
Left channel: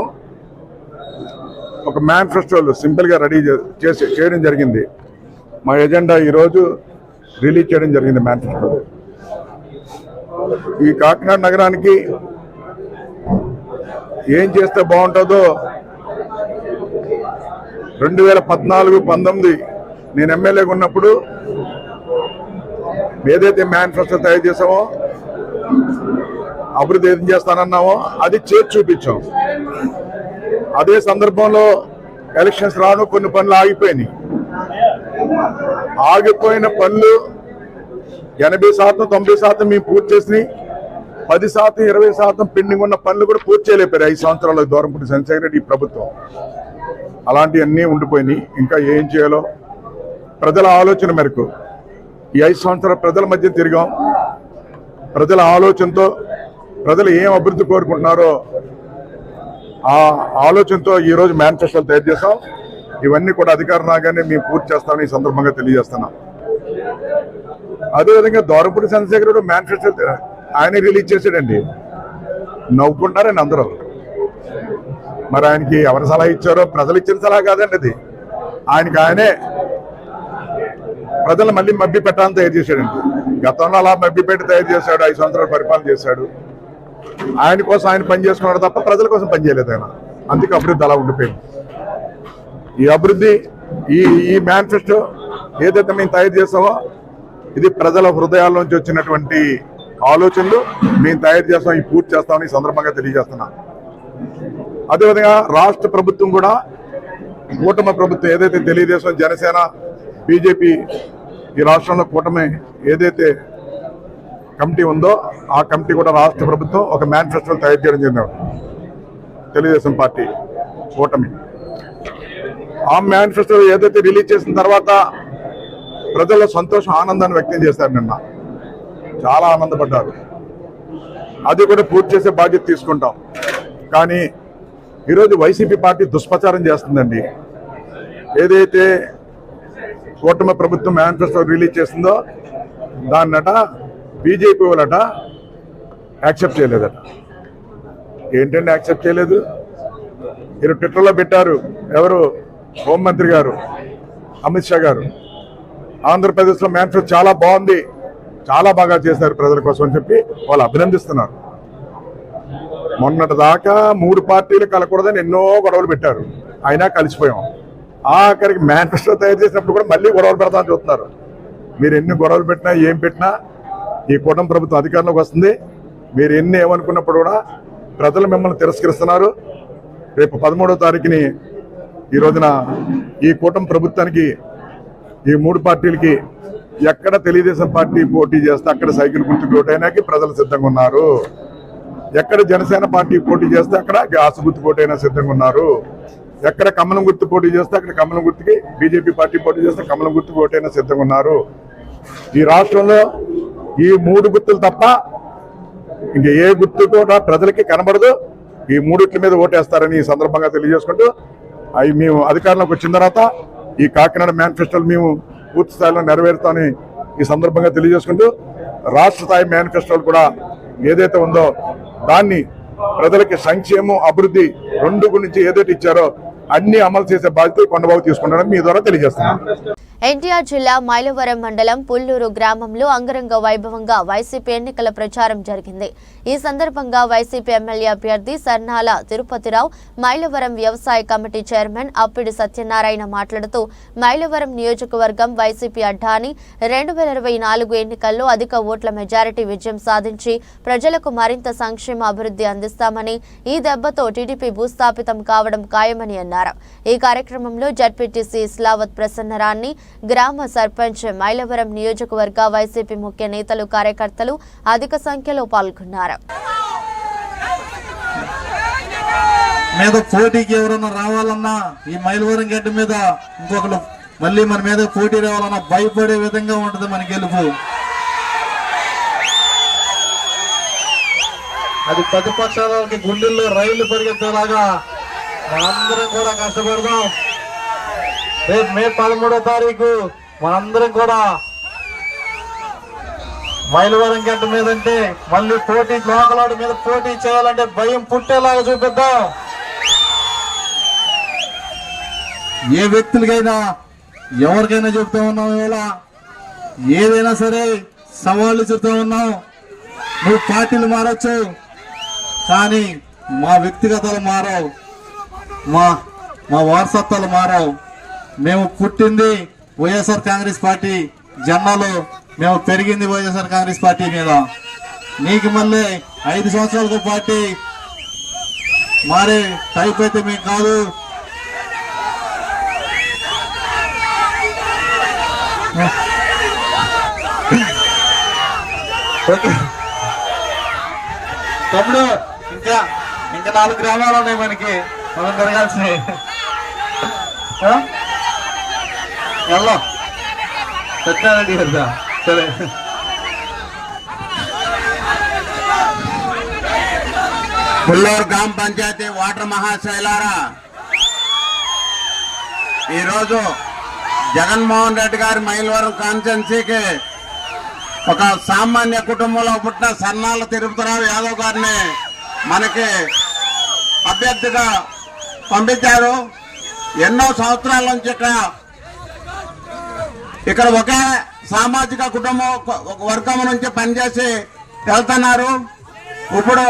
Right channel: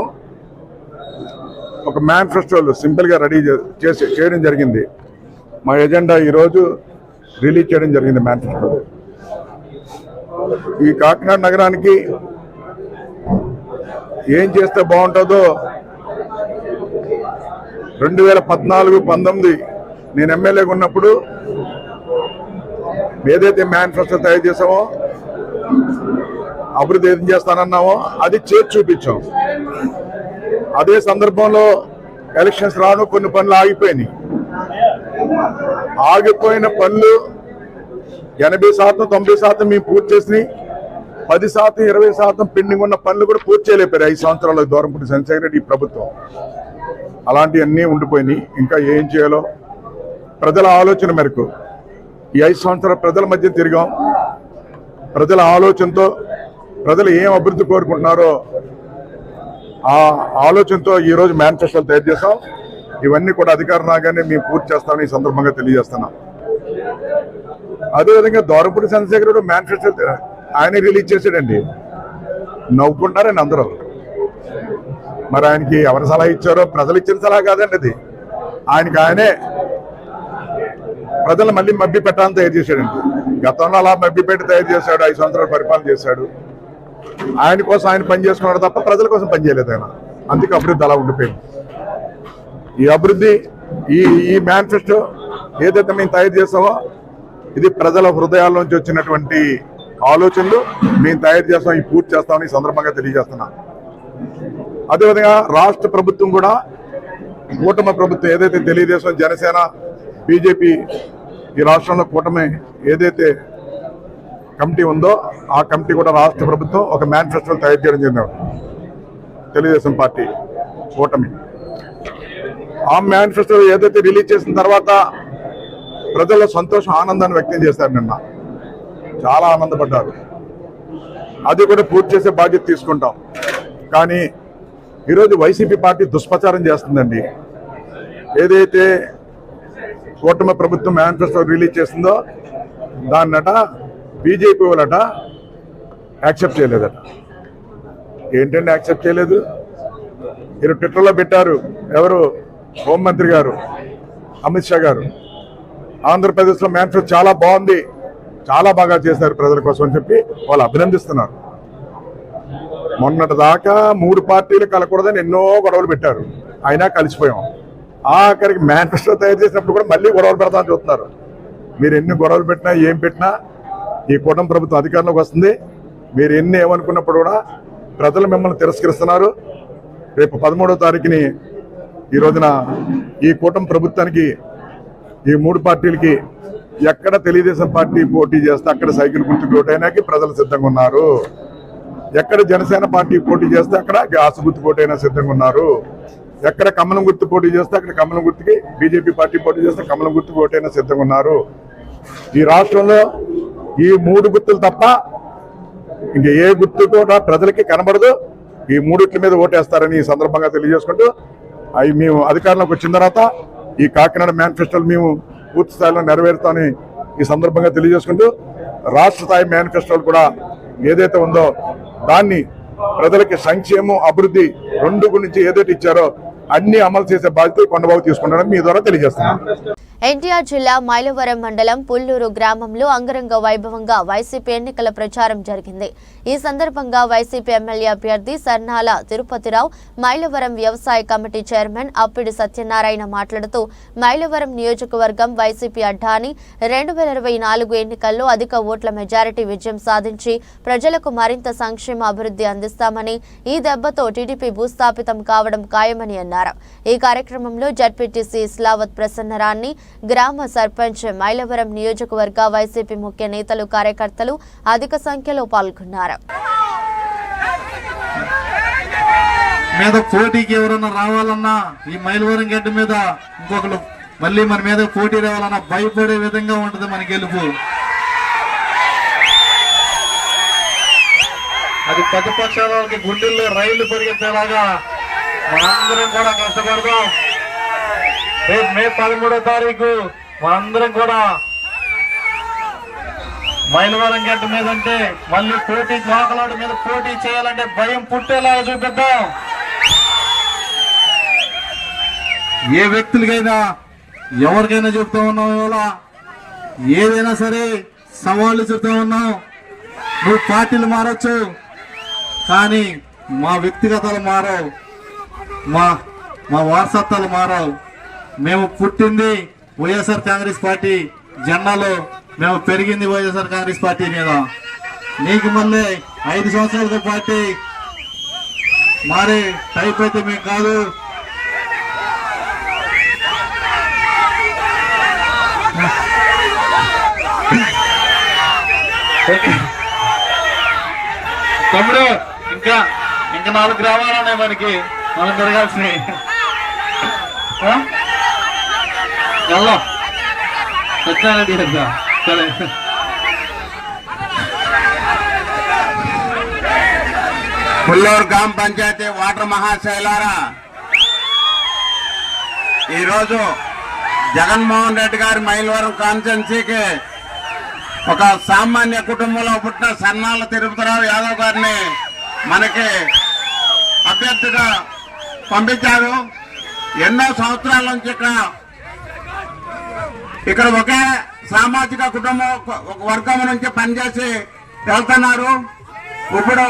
ఒక మేనిఫెస్టోలు సింపుల్గా రెడీ చేయడం జరిగింది. మా ఎజెండా ఈరోజు రిలీజ్ చేయడం జరిగింది. మేనిఫెస్టో ఈ కాకినాడ నగరానికి ఏం చేస్తే బాగుంటుందో 2014-19 నేను ఎమ్మెల్యేగా ఉన్నప్పుడు ఏదైతే మేనిఫెస్టో తయారు చేసామో, అభివృద్ధి ఏం చేస్తానన్నామో అది చేసి చూపించాం. అదే సందర్భంలో ఎలక్షన్స్ రాను కొన్ని పనులు ఆగిపోయినాయి. ఆగిపోయిన పనులు 80%, 90% మేము పూర్తి చేసినాయి. 10%, 20% పెండింగ్ ఉన్న పనులు కూడా పూర్తి చేయలేపారు 5 సంవత్సరాల దూరంపూడి చంద్రశేఖర్ రెడ్డి ప్రభుత్వం. అలాంటివన్నీ ఉండిపోయినాయి. ఇంకా ఏం చేయాలో ప్రజల ఆలోచన మేరకు ఈ 5 సంవత్సరాల ప్రజల మధ్య తిరిగాం. ప్రజల ఆలోచనతో ప్రజలు ఏం అభివృద్ధి కోరుకుంటున్నారో ఆ ఆలోచనతో ఈరోజు మేనిఫెస్టోలు తయారు చేస్తాం. ఇవన్నీ కూడా అధికారం రాగానే మేము పూర్తి చేస్తామని ఈ సందర్భంగా తెలియజేస్తున్నాం. అదేవిధంగా దూరంపూడి చంద్రశేఖర్ రెడ్డి మేనిఫెస్టో ఆయన రిలీజ్ చేశాడండి. నవ్వుకుంటారండి అందరూ. మరి ఆయనకి ఎవరు సలహా ఇచ్చారో ప్రజలు ఇచ్చిన సలహా కాదండి అది. ఆయనే ప్రజలు మళ్ళీ మభ్య పెట్టాలని తయారు చేశాడండి. గతంలో అలా మభ్య పెట్టి తయారు చేశాడు. 5 సంవత్సరాలు పరిపాలన చేశాడు. ఆయన కోసం ఆయన పని చేసుకున్నాడు తప్ప ప్రజల కోసం పనిచేయలేదు ఆయన. అందుకే అభివృద్ధి అలా ఉండిపోయింది. ఈ అభివృద్ధి ఈ మేనిఫెస్టో ఏదైతే మేము తయారు చేస్తామో ఇది ప్రజల హృదయాల్లోంచి వచ్చినటువంటి ఆలోచనలు మేము తయారు చేస్తాం. ఈ పూర్తి చేస్తామని ఈ సందర్భంగా తెలియజేస్తున్నాం. అదేవిధంగా రాష్ట్ర ప్రభుత్వం కూడా కూటమి ప్రభుత్వం ఏదైతే తెలుగుదేశం, జనసేన, బీజేపీ ఈ రాష్ట్రంలో కూటమి ఏదైతే కమిటీ ఉందో ఆ కమిటీ కూడా రాష్ట్ర ప్రభుత్వం ఒక మేనిఫెస్టో తయారు చేయడం జరిగింది. తెలుగుదేశం పార్టీ కూటమి ఆ మేనిఫెస్టో ఏదైతే రిలీజ్ చేసిన తర్వాత ప్రజల్లో సంతోషం, ఆనందాన్ని వ్యక్తం చేశారు. నిన్న చాలా ఆనందపడ్డారు. అది కూడా పూర్తి చేసే బాధ్యత తీసుకుంటాం. కానీ ఈరోజు వైసీపీ పార్టీ దుష్ప్రచారం చేస్తుందండి. ఏదైతే కూటమి ప్రభుత్వం మేనిఫెస్టో రిలీజ్ చేసిందో దాన్నట బీజేపీ వాళ్ళట యాక్సెప్ట్ చేయలేదట. ఏంటంటే యాక్సెప్ట్ చేయలేదు? మీరు ట్విట్టర్లో పెట్టారు. ఎవరు? హోంమంత్రి గారు అమిత్ షా గారు. ఆంధ్రప్రదేశ్లో మేనిఫెస్టో చాలా బాగుంది, చాలా బాగా చేశారు ప్రజల కోసం అని చెప్పి వాళ్ళు అభినందిస్తున్నారు. మొన్నటి దాకా 3 పార్టీలు కలకూడదని ఎన్నో గొడవలు పెట్టారు. అయినా కలిసిపోయాం. ఆఖరికి మేనిఫెస్టో తయారు చేసినప్పుడు కూడా మళ్ళీ గొడవలు పెడతామని చూస్తున్నారు. మీరు ఎన్ని గొడవలు పెట్టినా ఏం పెట్టినా ఈ కూటమి ప్రభుత్వం అధికారంలోకి వస్తుంది. మీరు ఎన్ని ఏమనుకున్నప్పుడు కూడా ప్రజలు మిమ్మల్ని తిరస్కరిస్తున్నారు. రేపు 13వ తారీఖుని ఈ రోజున ఈ కూటమి ప్రభుత్వానికి ఈ 3 పార్టీలకి ఎక్కడ తెలుగుదేశం పార్టీ పోటీ చేస్తే అక్కడ సైకిల్ గుర్తుకు ఓటైనాకి ప్రజలు సిద్ధంగా ఉన్నారు. ఎక్కడ జనసేన పార్టీ పోటీ చేస్తే అక్కడ గ్యాస్ గుర్తు పోటైనా సిద్ధంగా ఉన్నారు. ఎక్కడ కమలం గుర్తు పోటీ చేస్తే అక్కడ కమలం గుర్తుకి, బీజేపీ పార్టీ పోటీ చేస్తే కమలం గుర్తుకు ఓటైనా సిద్ధంగా ఉన్నారు. ఈ రాష్ట్రంలో ఈ 3 గుర్తులు తప్ప ఇంక ఏ గుర్తు కూడా ప్రజలకి కనబడదు. ఈ 3 మీద ఓటేస్తారని ఈ సందర్భంగా తెలియజేసుకుంటూ అవి మేము అధికారంలోకి వచ్చిన తర్వాత ఈ కాకినాడ మేనిఫెస్టోలు మేము పూర్తి స్థాయిలో నెరవేరుతామని ఈ సందర్భంగా తెలియజేసుకుంటూ రాష్ట్ర స్థాయి మేనిఫెస్టోలు కూడా ఏదైతే ఉందో దాన్ని ప్రజలకి సంక్షేమం, అభివృద్ధి 2 గురించి ఏదైతే ఇచ్చారో అన్ని అమలు చేసే బాధ్యత కొండబాబు తీసుకుంటారని మీ ద్వారా తెలియజేస్తున్నాను. ఎన్టీఆర్ జిల్లా మైలవరం మండలం పుల్లూరు గ్రామంలో అంగరంగ వైభవంగా వైసీపీ ఎన్నికల ప్రచారం జరిగింది. ఈ సందర్భంగా వైసీపీ ఎమ్మెల్యే అభ్యర్థి సర్నాల తిరుపతిరావు, మైలవరం వ్యవసాయ కమిటీ చైర్మన్ అప్పిడి సత్యనారాయణ మాట్లాడుతూ మైలవరం నియోజకవర్గం వైసీపీ అడ్డాని 2024 ఎన్నికల్లో అధిక ఓట్ల మెజారిటీ విజయం సాధించి ప్రజలకు మరింత సంక్షేమ అభివృద్ధి అందిస్తామని, ఈ దెబ్బతో టీడీపీ భూస్థాపితం కావడం ఖాయమని అన్నారు. ఈ కార్యక్రమంలో జడ్పీటీసీ ఇస్లావత్ ప్రసన్నరాణి, గ్రామ సర్పంచ్, మైలవరం నియోజకవర్గ వైసీపీ ముఖ్య నేతలు, కార్యకర్తలు అధిక సంఖ్యలో పాల్గొన్నారు. మీద పోటీకి ఎవరన్నా రావాలన్నా ఈ మైలవరం గడ్డ మీద ఇంకొకరు మళ్ళీ మన మీద పోటీ రావాలన్నా భయపడే విధంగా ఉంటుంది మన గెలుపు. అది ప్రతిపక్షాల వాళ్ళకి గుండెల్లో రైళ్లు పరిగెత్తేలాగా మనందరం కూడా కష్టపడదాం. రేపు మే 13వ తారీఖు మనందరం కూడా మైలవరం గడ్డ మీద అంటే మళ్ళీ పోటీ లోకలాడు మీద పోటీ చేయాలంటే భయం పుట్టేలాగా చూపిద్దాం. ఏ వ్యక్తులకైనా ఎవరికైనా చెప్తా ఉన్నాం, ఇవాళ ఏదైనా సరే సవాళ్ళు చెప్తా ఉన్నాం. నువ్వు పార్టీలు మారచ్చు కానీ మా వ్యక్తిగతాలు మారవు, మా వారసత్వాలు మారవు. మేము పుట్టింది వైఎస్ఆర్ కాంగ్రెస్ పార్టీ జెండాలో, మేము పెరిగింది వైఎస్ఆర్ కాంగ్రెస్ పార్టీ మీద. నీకు మళ్ళీ 5 సంవత్సరాలకు పార్టీ మారే టైప్ అయితే మీకు కాదు. తమ్ముడు ఇంకా 4 గ్రామాలు ఉన్నాయి మనకి, మనం తిరగాల్సినవి. వెళ్దాం సరే. పుల్లూరు గ్రామ పంచాయతీ వాటర్ మహాశైలారా, ఈరోజు జగన్మోహన్ రెడ్డి గారి మైలవరం కాన్స్టిట్యున్సీకి ఒక సామాన్య కుటుంబంలో పుట్టిన సన్నాల తిరుపతిరావు యాదవ్ గారిని మనకి అభ్యర్థిగా పంపించారు. ఎన్నో సంవత్సరాల నుంచి ఇక్కడ ఒకే సామాజిక కుటుంబం ఒక వర్గం నుంచి పనిచేసి వెళ్తున్నారు. ఇప్పుడు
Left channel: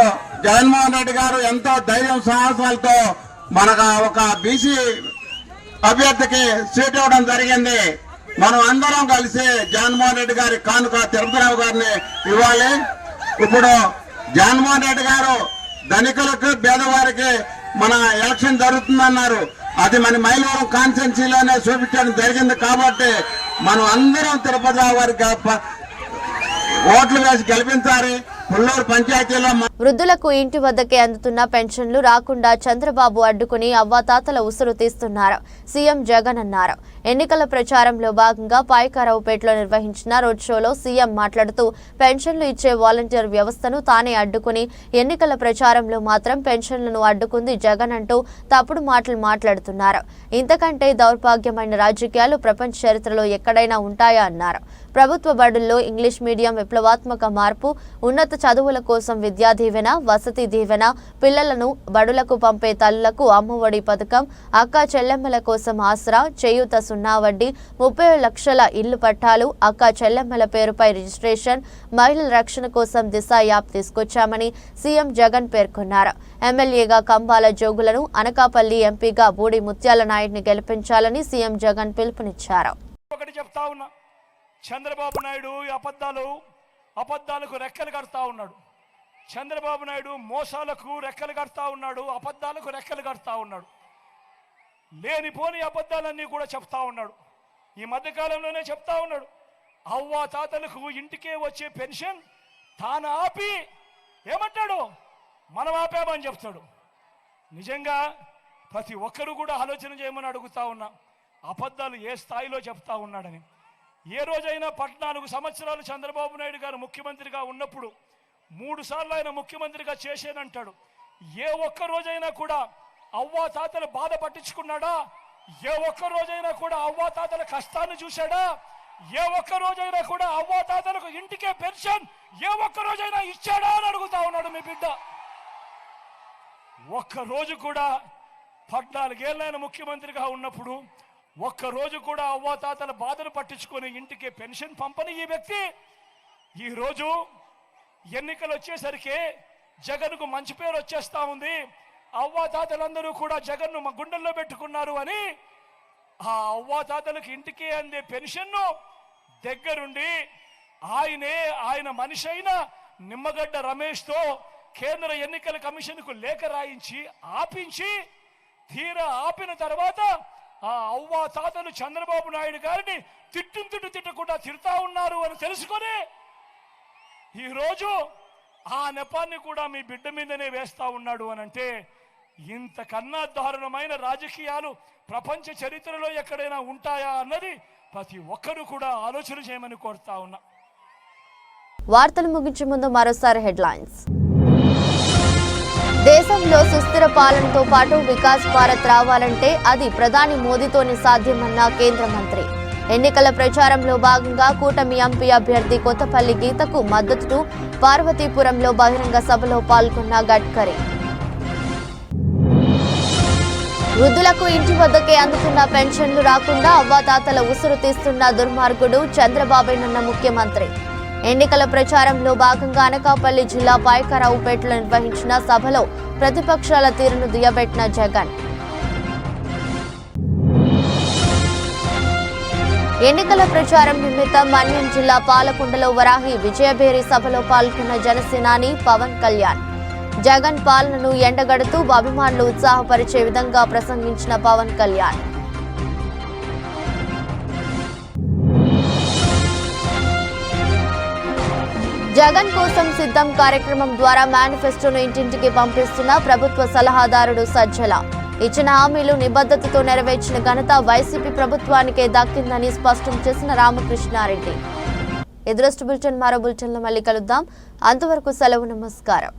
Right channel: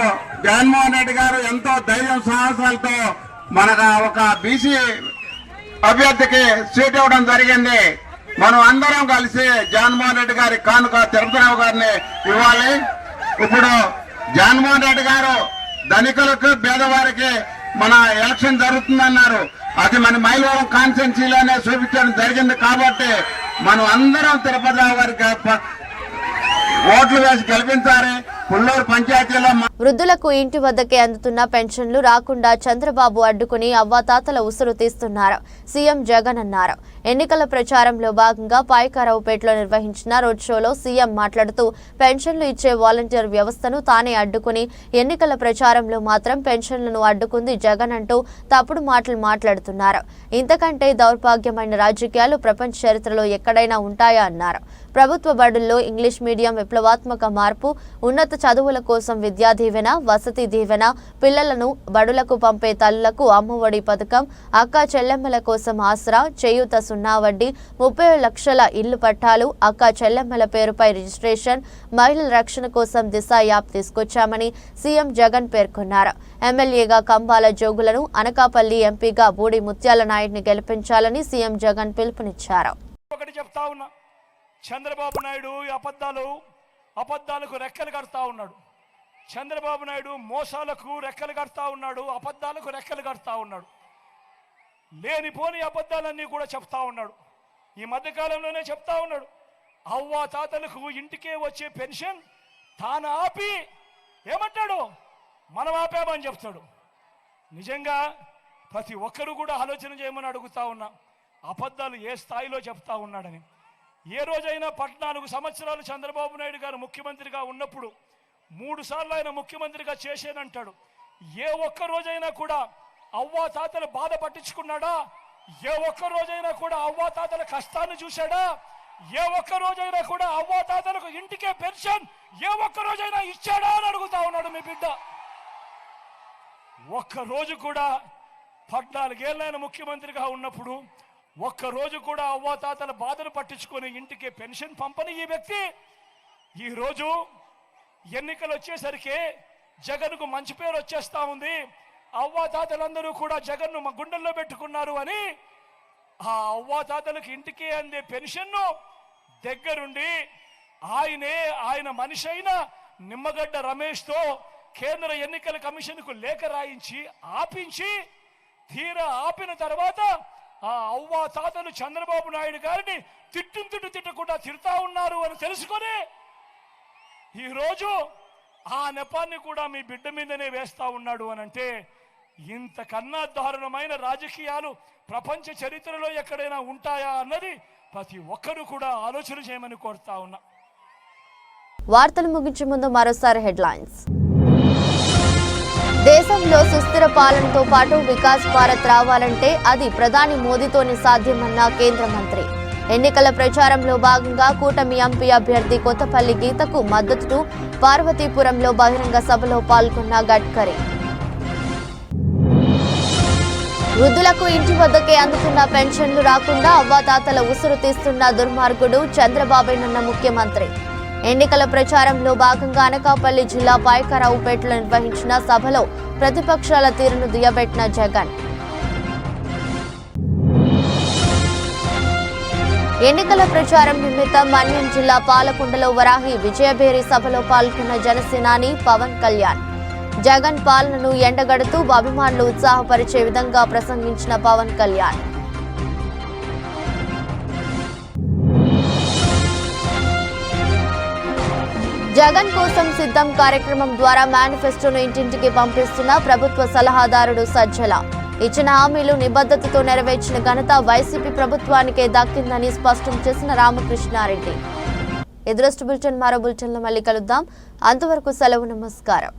జగన్మోహన్ రెడ్డి గారు ఎంతో ధైర్యం సాహసాలతో మనకు ఒక బీసీ అభ్యర్థికి సీట్ ఇవ్వడం జరిగింది. మనం అందరం కలిసి జగన్మోహన్ రెడ్డి గారి కానుక తిరుపతిరావు గారిని ఇవ్వాలి. ఇప్పుడు జగన్మోహన్ రెడ్డి గారు ధనికులకు పేదవారికి మన ఎలక్షన్ జరుగుతుందన్నారు. అది మన మైలవరం కాన్స్టిట్యున్సీలోనే చూపించడం జరిగింది. కాబట్టి మనం అందరం తిరుపతిరావు గారికి ఓట్లు వేసి గెలిపించాలి. పుల్లూరు పంచాయతీలో వృద్ధులకు ఇంటి వద్దకే అందుతున్న పెన్షన్లు రాకుండా చంద్రబాబు అడ్డుకుని అవ్వాతాతల ఉసురు తీస్తున్నారు సీఎం జగన్ అన్నారు. ఎన్నికల ప్రచారంలో భాగంగా పాయకారావుపేటలో నిర్వహించిన రోడ్ షోలో సీఎం మాట్లాడుతూ పెన్షన్లు ఇచ్చే వాలంటీర్ వ్యవస్థను తానే అడ్డుకుని ఎన్నికల ప్రచారంలో మాత్రం పెన్షన్లను అడ్డుకుంది జగన్ అంటూ తప్పుడు మాటలు మాట్లాడుతున్నారు. ఇంతకంటే దౌర్భాగ్యమైన రాజకీయాలు ప్రపంచ చరిత్రలో ఎక్కడైనా ఉంటాయా అన్నారు. ప్రభుత్వ బడుల్లో ఇంగ్లీష్ మీడియం విప్లవాత్మక మార్పు, ఉన్నత చదువుల కోసం విద్యా దీవెన, వసతి దీవెన, పిల్లలను బడులకు పంపే తల్లులకు అమ్మఒడి పథకం, అక్కా చెల్లెమ్మల కోసం ఆసరా, చేయూత 0 వడ్డీ, 30 లక్షల ఇల్లు పట్టాలు, అక్కా చెల్లెమ్మల పేరుపై రిజిస్ట్రేషన్, మహిళల రక్షణ కోసం దిశ యాప్ తీసుకొచ్చామని సీఎం జగన్ పేర్కొన్నారు. ఎమ్మెల్యేగా కంబాల జోగులను, అనకాపల్లి ఎంపీగా బూడి ముత్యాల నాయుడిని గెలిపించాలని సీఎం జగన్ పిలుపునిచ్చారు. చంద్రబాబు నాయుడు అబద్ధాలకు రెక్కలు కడతా ఉన్నాడు. చంద్రబాబు నాయుడు మోసాలకు రెక్కలు కడతా ఉన్నాడు, అబద్ధాలకు రెక్కలు కడతా ఉన్నాడు. లేనిపోని అబద్ధాలన్నీ కూడా చెప్తా ఉన్నాడు. ఈ మధ్యకాలంలోనే చెప్తా ఉన్నాడు, అవ్వా తాతలకు ఇంటికే వచ్చే పెన్షన్ తాను ఆపి ఏమంటాడు, మనం ఆపామని చెప్తాడు. నిజంగా ప్రతి ఒక్కరూ కూడా ఆలోచన చేయమని అడుగుతా ఉన్నా, అబద్ధాలు ఏ స్థాయిలో చెప్తా ఉన్నాడని. ఏ రోజైనా 14 సంవత్సరాలు చంద్రబాబు నాయుడు గారు ముఖ్యమంత్రిగా ఉన్నప్పుడు 3 సార్లు ఆయన ముఖ్యమంత్రిగా చేసేనంటాడు. ఏ ఒక్క రోజైనా కూడా అవ్వా తాతలు బాధ పట్టించుకున్నాడా? ఏ ఒక్క రోజైనా కూడా అవ్వా తాతల కష్టాన్ని చూశాడా? ఏ ఒక్క రోజైనా కూడా అవ్వా తాతలకు ఇంటికే పెన్షన్ ఏ ఒక్క రోజైనా ఇచ్చాడా అని అడుగుతా ఉన్నాడు మీ బిడ్డ. ఒక్క రోజు కూడా 14 ఏళ్ళైన ముఖ్యమంత్రిగా ఉన్నప్పుడు ఒక్క రోజు కూడా అవ్వాతాతల బాధను పట్టించుకొని ఇంటికి పెన్షన్ పంపని ఈ వ్యక్తి ఈ రోజు ఎన్నికలు వచ్చేసరికి జగన్కు మంచి పేరు వచ్చేస్తా ఉంది. అవ్వాతాతలందరూ కూడా జగన్ను మా గుండెల్లో పెట్టుకున్నారు అని ఆ అవ్వాతాతలకు ఇంటికి అందే పెన్షన్ను దగ్గరుండి ఆయన మనిషి అయిన నిమ్మగడ్డ రమేష్తో కేంద్ర ఎన్నికల కమిషన్కు లేఖ రాయించి ఆపించి తీరా ఆపిన తర్వాత ఆ అవ్వా తాతలు చంద్రబాబు నాయుడు గారిని తిట్టకుండా తిడతా ఉన్నారు అని తెలుసుకొని ఈరోజు ఆ నెపాన్ని కూడా మీ బిడ్డ మీదనే వేస్తా ఉన్నాడు అని అంటే ఇంతకన్నా దారుణమైన రాజకీయాలు ప్రపంచ చరిత్రలో ఎక్కడైనా ఉంటాయా అన్నది ప్రతి ఒక్కరూ కూడా ఆలోచన చేయమని కోరుతా ఉన్నా. వార్తలు ముగించే ముందు మరోసారి హెడ్లైన్స్. దేశంలో సుస్థిర పాలనతో పాటు వికాస్ భారత్ రావాలంటే అది ప్రధాని మోదీతోనే సాధ్యమన్న కేంద్ర మంత్రి. ఎన్నికల ప్రచారంలో భాగంగా కూటమి ఎంపీ అభ్యర్థి కొత్తపల్లి గీతకు మద్దతు, పార్వతీపురంలో బహిరంగ సభలో పాల్గొన్న గడ్కరీ. వృద్ధులకు ఇంటి వద్దకే అందుతున్న పెన్షన్లు రాకుండా అవ్వాతాతల ఉసురు తీస్తున్న దుర్మార్గుడు చంద్రబాబేనన్న ముఖ్యమంత్రి. ఎన్నికల ప్రచారంలో భాగంగా అనకాపల్లి జిల్లా పాయకారావుపేటలో నిర్వహించిన సభలో ప్రతిపక్షాల తీరును దుయ్యబెట్టిన జగన్. ఎన్నికల ప్రచారం నిమిత్తం మన్యం జిల్లా పాలకొండలో వరాహి విజయభేరి సభలో పాల్గొన్న జనసేనాని పవన్ కళ్యాణ్. జగన్ పాలనను ఎండగడుతూ అభిమానులు ఉత్సాహపరిచే విధంగా ప్రసంగించిన పవన్ కళ్యాణ్. జగన్ కోసం సిద్ధం కార్యక్రమం ద్వారా మేనిఫెస్టోను ఇంటింటికి పంపిస్తున్న ప్రభుత్వ సలహాదారుడు సజ్జల. ఇచ్చిన హామీలు నిబద్ధతతో నెరవేర్చిన ఘనత వైసీపీ ప్రభుత్వానికే దక్కిందని స్పష్టం చేసిన రామకృష్ణారెడ్డి. ఎదురొస్ట్ బులెటిన్ మరో బులెటిన్లో మళ్ళీ కలుద్దాం. అంతవరకు సెలవు, నమస్కారం.